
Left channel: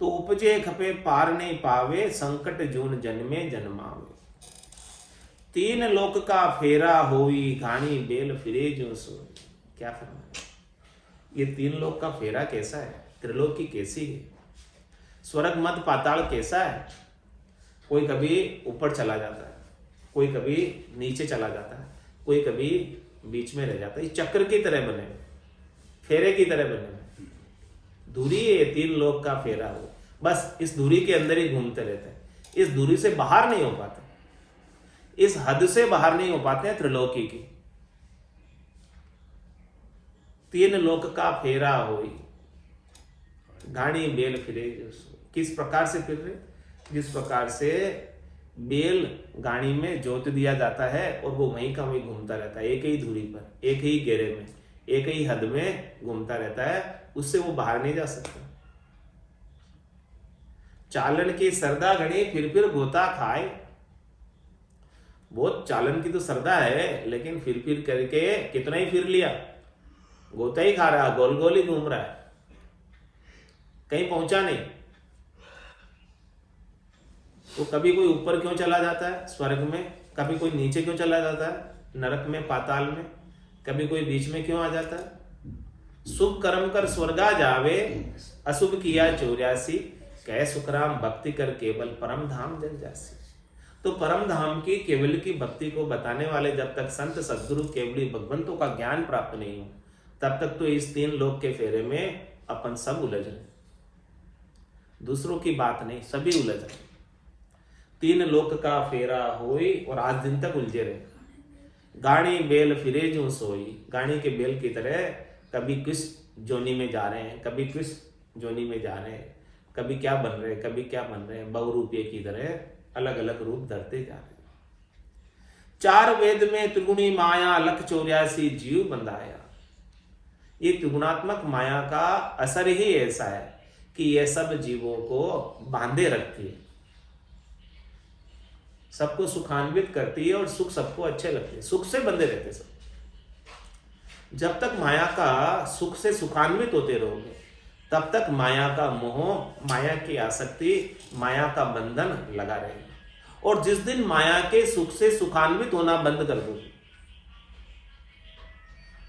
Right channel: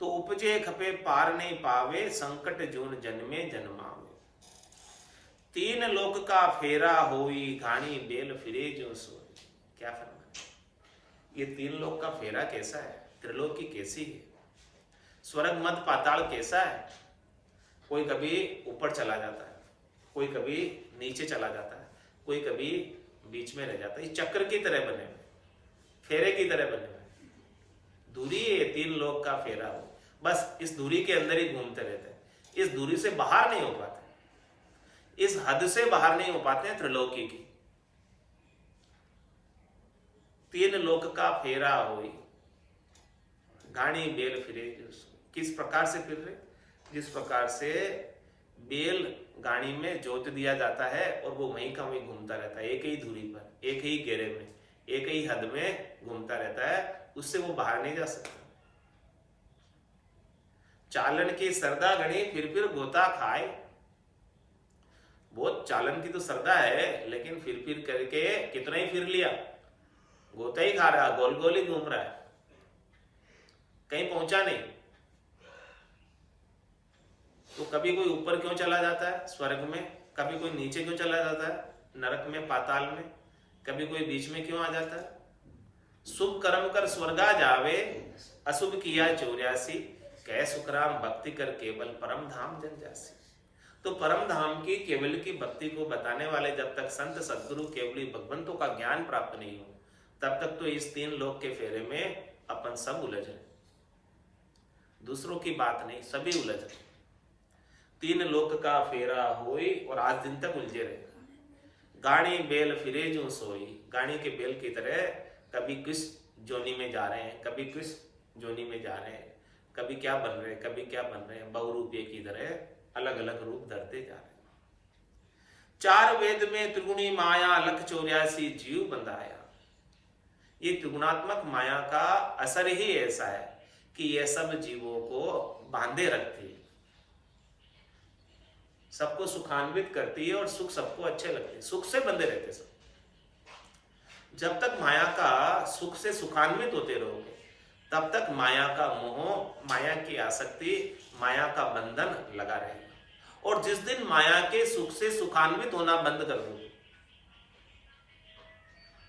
तो उपजे खपे पार नहीं पावे, संकट जून जन्मे जन्मावे। 3 लोक का फेरा होई, घाणी बेल फिरे जो सोई। क्या फरमाया? ये 3 लोक का फेरा कैसा है? त्रिलोकी कैसी है? स्वर्ग मध्य पाताल कैसा है? कोई कभी ऊपर चला जाता है, कोई कभी नीचे चला जाता है, कोई कभी बीच में रह जाता है। इस चक्र की तरह बने हुए, फेरे की तरह बने हुए। दूरी है 3 लोक का फेरा हो, बस इस दूरी के अंदर ही घूमते रहते हैं, इस दूरी से बाहर नहीं हो पाते। इस हद से बाहर नहीं हो पाते हैं त्रिलोकी की। तीन लोक का फेरा होई, गाड़ी बेल फिरे जो सोई। किस प्रकार से फिर रहे? जिस प्रकार से बेल गाड़ी में जोत दिया जाता है और वो वहीं का वहीं घूमता रहता है, एक ही दूरी पर, एक ही घेरे में, एक ही हद में घूमता रहता है, उससे वो बाहर नहीं जा सकता। चालन की सरदा घड़ी फिर गोता खाए। बहुत चालन की तो सरदा है, लेकिन फिर करके कितना ही फिर लिया, गोता ही खा रहा है, गोल गोल ही घूम रहा है, कहीं पहुंचा नहीं। तो कभी कोई ऊपर क्यों चला जाता है स्वर्ग में, कभी कोई नीचे क्यों चला जाता है नरक में, पाताल में, कभी कोई बीच में क्यों आ जाता है? शुभ कर्म कर स्वर्गा जावे, अशुभ किया 84, कह सुखराम भक्ति कर केवल परम धाम जन जासी। तो परम धाम की केवल की भक्ति को बताने वाले जब तक संत सद्गुरु केवली भगवंतों का ज्ञान प्राप्त नहीं हो, तब तक तो इस तीन लोक के फेरे में अपन सब उलझ रहे, दूसरों की बात नहीं, सभी उलझ रहे। तीन लोक का फेरा होई और आज दिन तक उलझे रहे। गाड़ी बेल फिरे जो सोई, गाड़ी के बेल की तरह कभी किस जोनी में जा रहे हैं, कभी किस जोनी में जा रहे हैं, कभी क्या बन रहे हैं, कभी क्या बन रहे हैं, बहुरूपीय की तरह अलग अलग रूप धरते जा रहे हैं। चार वेद में त्रिगुणी माया लख 84 जीव बंधाया। ये त्रिगुणात्मक माया का असर ही ऐसा है कि यह सब जीवों को बांधे रखती है, सबको सुखान्वित करती है और सुख सबको अच्छे लगते हैं, सुख से बंधे रहते सब। जब तक माया का सुख से सुखान्वित होते रहोगे, तब तक माया का मोह, माया की आसक्ति, माया का बंधन लगा रहेगा। और जिस दिन माया के सुख से सुखान्वित होना बंद कर दोगे,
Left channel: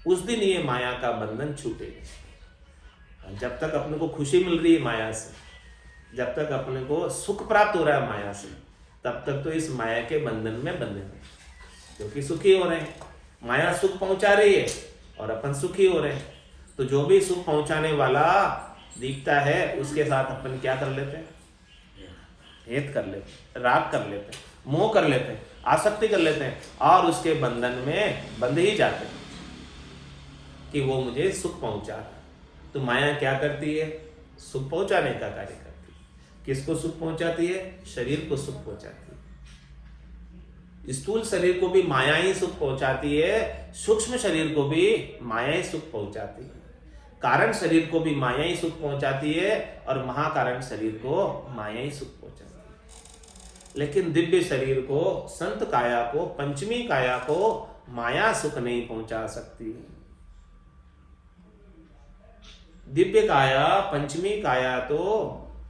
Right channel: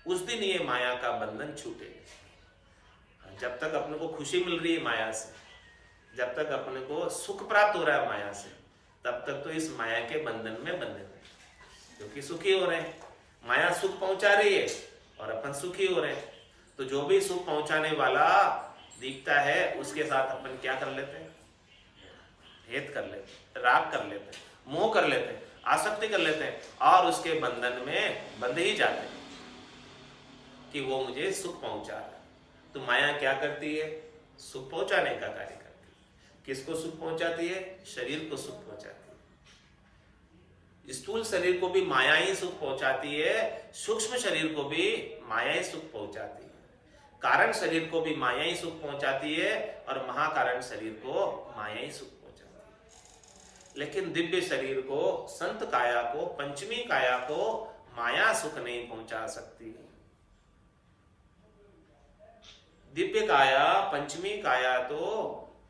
उस दिन ये माया का बंधन छूटेगा। जब तक अपने को खुशी मिल रही है माया से, जब तक अपने को सुख प्राप्त हो रहा है माया से, तब तक तो इस माया के बंधन में बंधे हुए, क्योंकि सुखी हो रहे हैं। माया सुख पहुंचा रही है और अपन सुखी हो रहे हैं। तो जो भी सुख पहुंचाने वाला दिखता है, उसके साथ अपन क्या कर लेते हैं? हेत कर लेते हैं, राग कर लेते हैं, मोह कर लेते हैं, आसक्ति कर लेते हैं और उसके बंधन में बंध ही जाते हैं कि वो मुझे सुख पहुंचा रहा है। तो माया क्या करती है? सुख पहुंचाने का कार्य करती है। किसको सुख पहुंचाती है? शरीर को सुख पहुंचाती है। स्थूल शरीर को भी माया ही सुख पहुंचाती है, सूक्ष्म शरीर को भी माया ही सुख पहुंचाती है, कारण शरीर को भी माया ही सुख पहुंचाती है और महाकारण शरीर को माया ही सुख पहुंचाती है। लेकिन दिव्य शरीर को, संत काया को, पंचमी काया को माया सुख नहीं पहुंचा सकती। दिव्य काया, पंचमी काया तो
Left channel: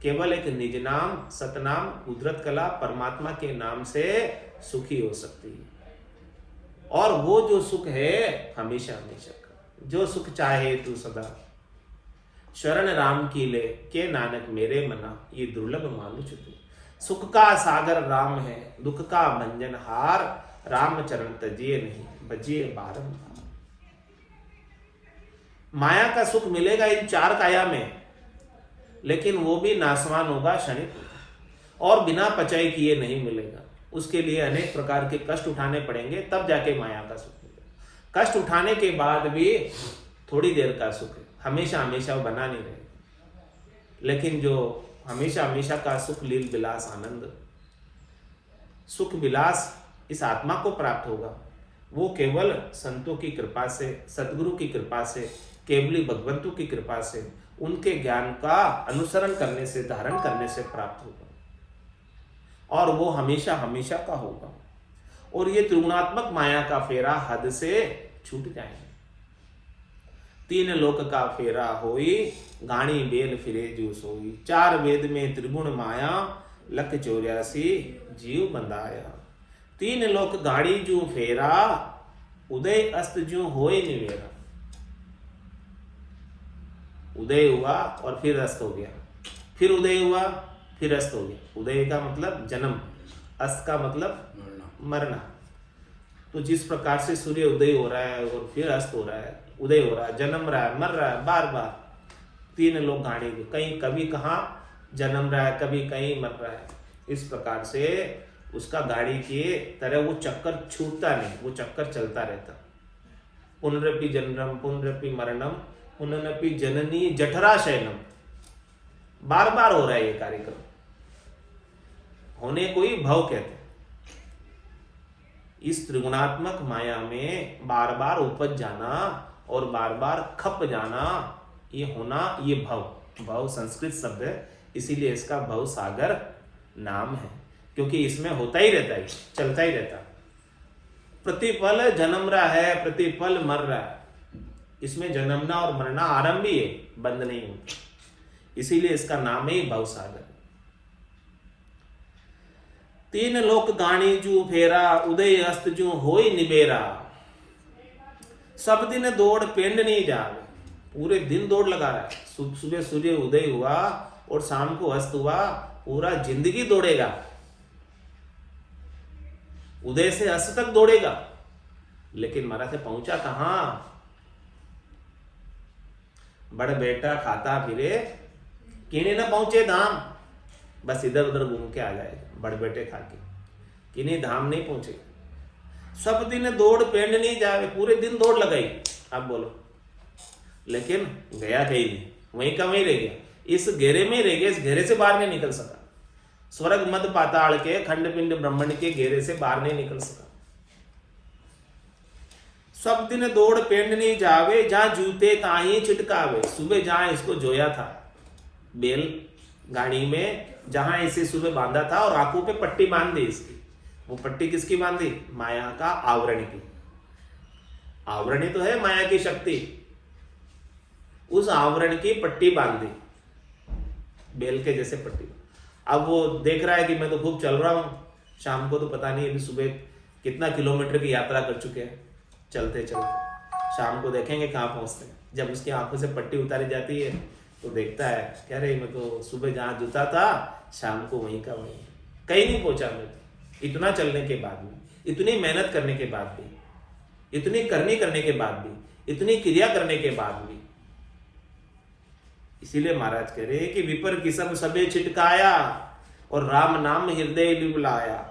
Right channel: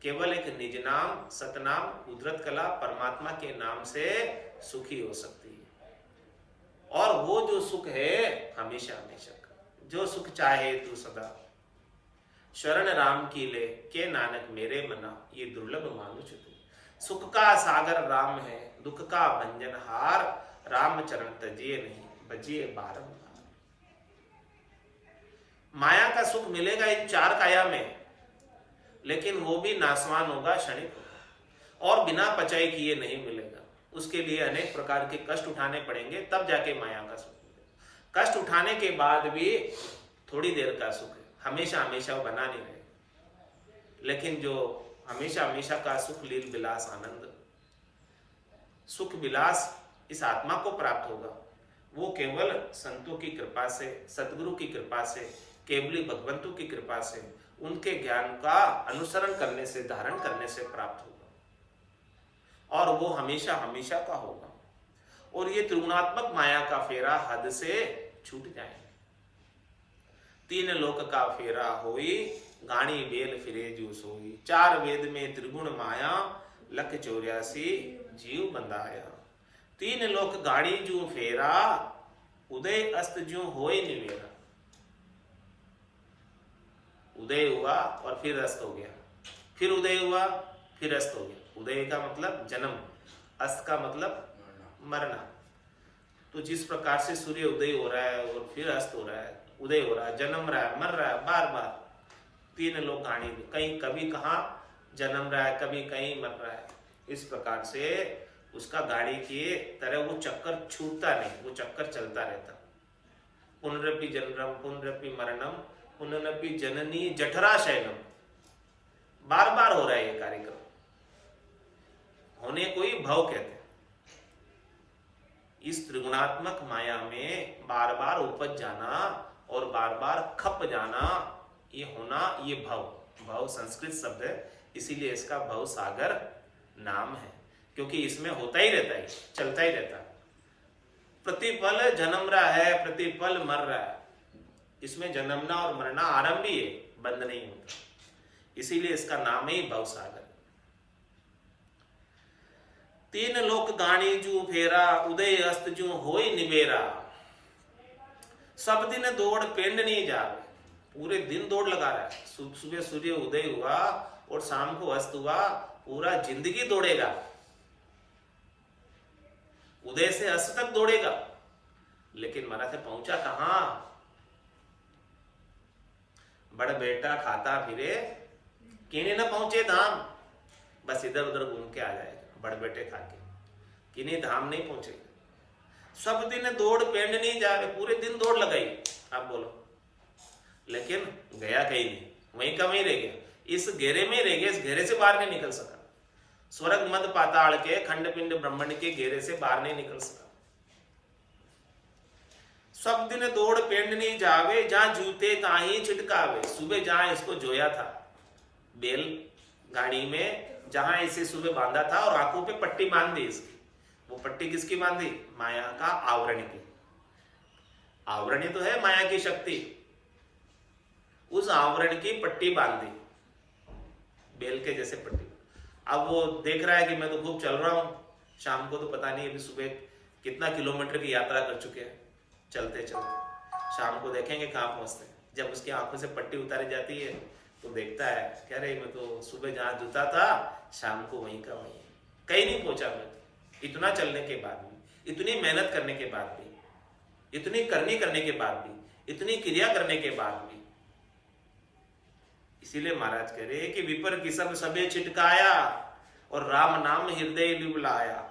केवल एक निज नाम, सतनाम, कुदरत कला, परमात्मा के नाम से सुखी हो सकती है। और वो जो सुख है हमेशा हमेशा का, जो सुख चाहे तू सदा, शरण राम की ले के नानक मेरे मना, ये दुर्लभ मानुष तू। सुख का सागर राम है, दुख का भंजन हार, राम चरण तजिए नहीं, बजिए बारंबार। माया का सुख मिलेगा इन चार काया में, लेकिन वो भी नासवान होगा, क्षणिक होगा और बिना पचाई किए नहीं मिलेगा। उसके लिए अनेक प्रकार के कष्ट उठाने पड़ेंगे, तब जाके माया का सुख मिलेगा। कष्ट उठाने के बाद भी थोड़ी देर का सुख है, हमेशा हमेशा वो बना नहीं रहेगा। लेकिन जो हमेशा हमेशा का सुख, लील विलास, आनंद, सुख विलास इस आत्मा को प्राप्त होगा, वो केवल संतों की कृपा से, सतगुरु की कृपा से, केवली भगवंतों की कृपा से, उनके ज्ञान का अनुसरण करने से, धारण करने से प्राप्त होगा और वो हमेशा हमेशा का होगा। और ये त्रिगुणात्मक माया का फेरा हद से छूट जाएंगे। तीन लोक का फेरा होई, गाणी बेल फिरे जो सोई। चार वेद में त्रिगुण माया, लख 84 जीव बंधाया। तीन लोक गाड़ी जू फेरा, उदय अस्त जू होए निवेरा। उदय हुआ और फिर अस्त हो गया, फिर उदय हुआ, फिर अस्त हो गया। उदय का मतलब जन्म, अस्त का मतलब मरना। तो जिस प्रकार से सूर्य उदय हो रहा है और फिर अस्त हो रहा है, उदय हो रहा है, जन्म रहा है, मर रहा है, बार बार। तीन लोग गाड़ी कहीं कभी कहाँ जन्म रहा है, कभी कहीं मर रहा है। इस प्रकार से उसका गाड़ी की तरह वो चक्कर छूटता नहीं, वो चक्कर चलता रहता। पुनरपि जन्मम पुनरपि मरणम पुनरपि जननी जठरा शयनम, बार बार हो रहा है ये कार्यक्रम। होने को ही भव कहते हैं। इस त्रिगुणात्मक माया में बार बार उपज जाना और बार बार खप जाना, ये होना, ये भव। भव संस्कृत शब्द है, इसीलिए इसका भव सागर नाम है, क्योंकि इसमें होता ही रहता है, चलता ही रहता है। प्रतिपल जन्म रहा है, प्रतिपल मर रहा है। इसमें जन्मना और मरना आरंभ ही है, बंद नहीं होता। इसीलिए इसका नाम ही भव सागर। तीन लोक गाणी जू फेरा, उदय अस्त जू होई निबेरा। सब दिन दौड़ पेंड नहीं जावे, पूरे दिन दौड़ लगा रहा है। सुबह सूर्य उदय हुआ और शाम को अस्त हुआ, पूरा जिंदगी दौड़ेगा, उदय से अस्त तक दौड़ेगा। लेकिन मरा से पहुंचा कहां? बड़ बेटा खाता फिरे, किने न पहुंचे धाम। बस इधर उधर घूम के आ जाएगा बड़ बेटे खा के, किन्हीं धाम नहीं पहुंचे। सब दिन दौड़ पेंड नहीं जावे, पूरे दिन दौड़ लगाई, आप बोलो, लेकिन गया कहीं नहीं, वहीं का वहीं रह गया, इस घेरे में रह गया, इस घेरे से बाहर नहीं निकल सका। स्वर्ग मध्य पाताल के खंड पिंड ब्रह्मंड के घेरे से बाहर नहीं निकल सका। सब दिन दौड़ पेंड नहीं जावे, जहां जूते ताही छिटकावे। सुबह जहां इसको जोया था बेल गाड़ी में, जहां इसे सुबह बांधा था और आंखों पे पट्टी बांध दी इसकी। वो पट्टी किसकी बांधी? माया का आवरण की। आवरण ही तो है माया की शक्ति। उस आवरण की पट्टी बांधी, बेल के जैसे पट्टी। अब वो देख रहा है कि मैं तो खूब चल रहा हूं, शाम को तो पता नहीं अभी सुबह कितना किलोमीटर की यात्रा कर चुके हैं चलते चलते। शाम को देखेंगे कहाँ पहुंचते हैं। जब उसकी आंखों से पट्टी उतारी जाती है तो देखता है, कह रहे मैं तो सुबह जहां जूता था शाम को वहीं का वहीं, कहीं नहीं पहुंचा मैं तो। इतना चलने के बाद भी, इतनी मेहनत करने के बाद भी, इतनी करने के बाद भी, इतनी क्रिया करने के बाद भी। इसीलिए महाराज कह रहे कि विपर की सब सबे छिटकाया और राम नाम हृदय लिबलाया।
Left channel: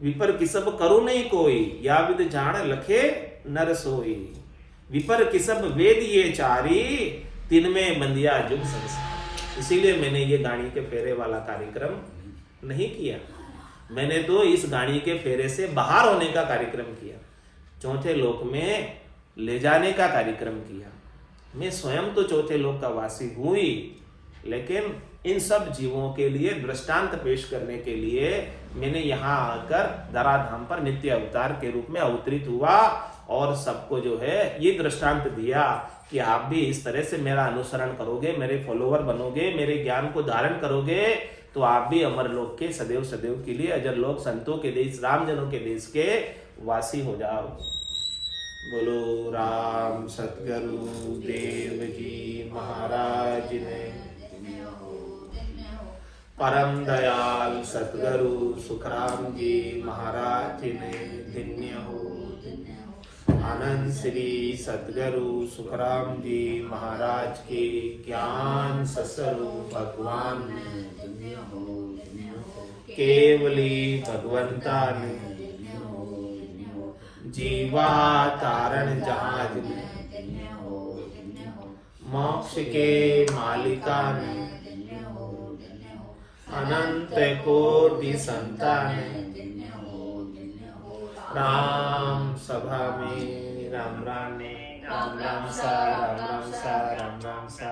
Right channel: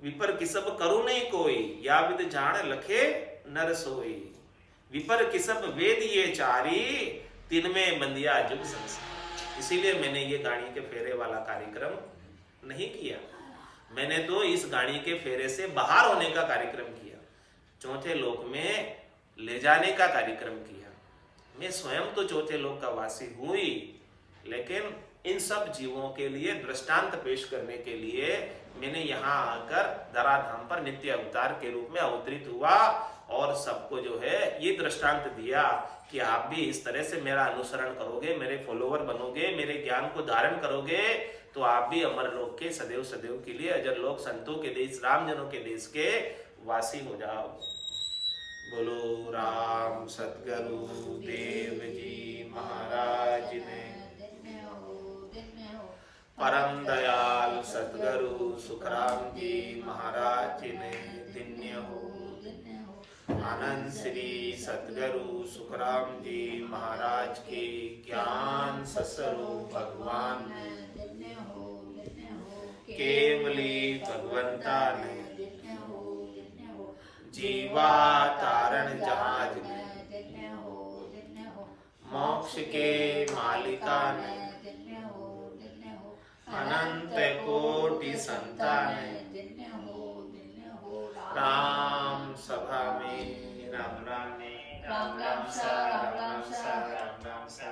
विपर की सब करू नहीं कोई, या विद जान लखे नर सोई। विपर की सब वेद ये चारी, तिन में बंदिया जुग संसार। इसीलिए मैंने ये गाड़ी के फेरे वाला कार्यक्रम नहीं किया, मैंने तो इस गाड़ी के फेरे से बाहर होने का कार्यक्रम किया, चौथे लोक में ले जाने का कार्यक्रम किया। मैं स्वयं तो चौथे लोक का वासी हुई, लेकिन इन सब जीवों के लिए दृष्टांत पेश करने के लिए मैंने यहाँ आकर धराधाम पर नित्य अवतार के रूप में अवतरित हुआ और सबको जो है ये दृष्टांत दिया कि आप भी इस तरह से मेरा अनुसरण करोगे, मेरे फॉलोवर बनोगे, मेरे ज्ञान को धारण करोगे, तो आप भी अमर लोक के सदैव सदैव के लिए, अजर लोक संतों के देश, रामजनों के देश के वासी हो जाओगे। बोलो राम सतगुरु देव जी महाराज ने, परम दयाल सतगुरु सुखराम जी महाराज ने धन्य हो। आनंद श्री सतगुरु सुखराम जी महाराज के ज्ञान सस्वरूप भगवान केवली भगवंता ने जीवा तारण जहाज ने, मोक्ष के मालिका ने, अनंत कोटि संतान, राम सभा में राम राम ने, राम राम सा, राम राम सा, राम राम सा।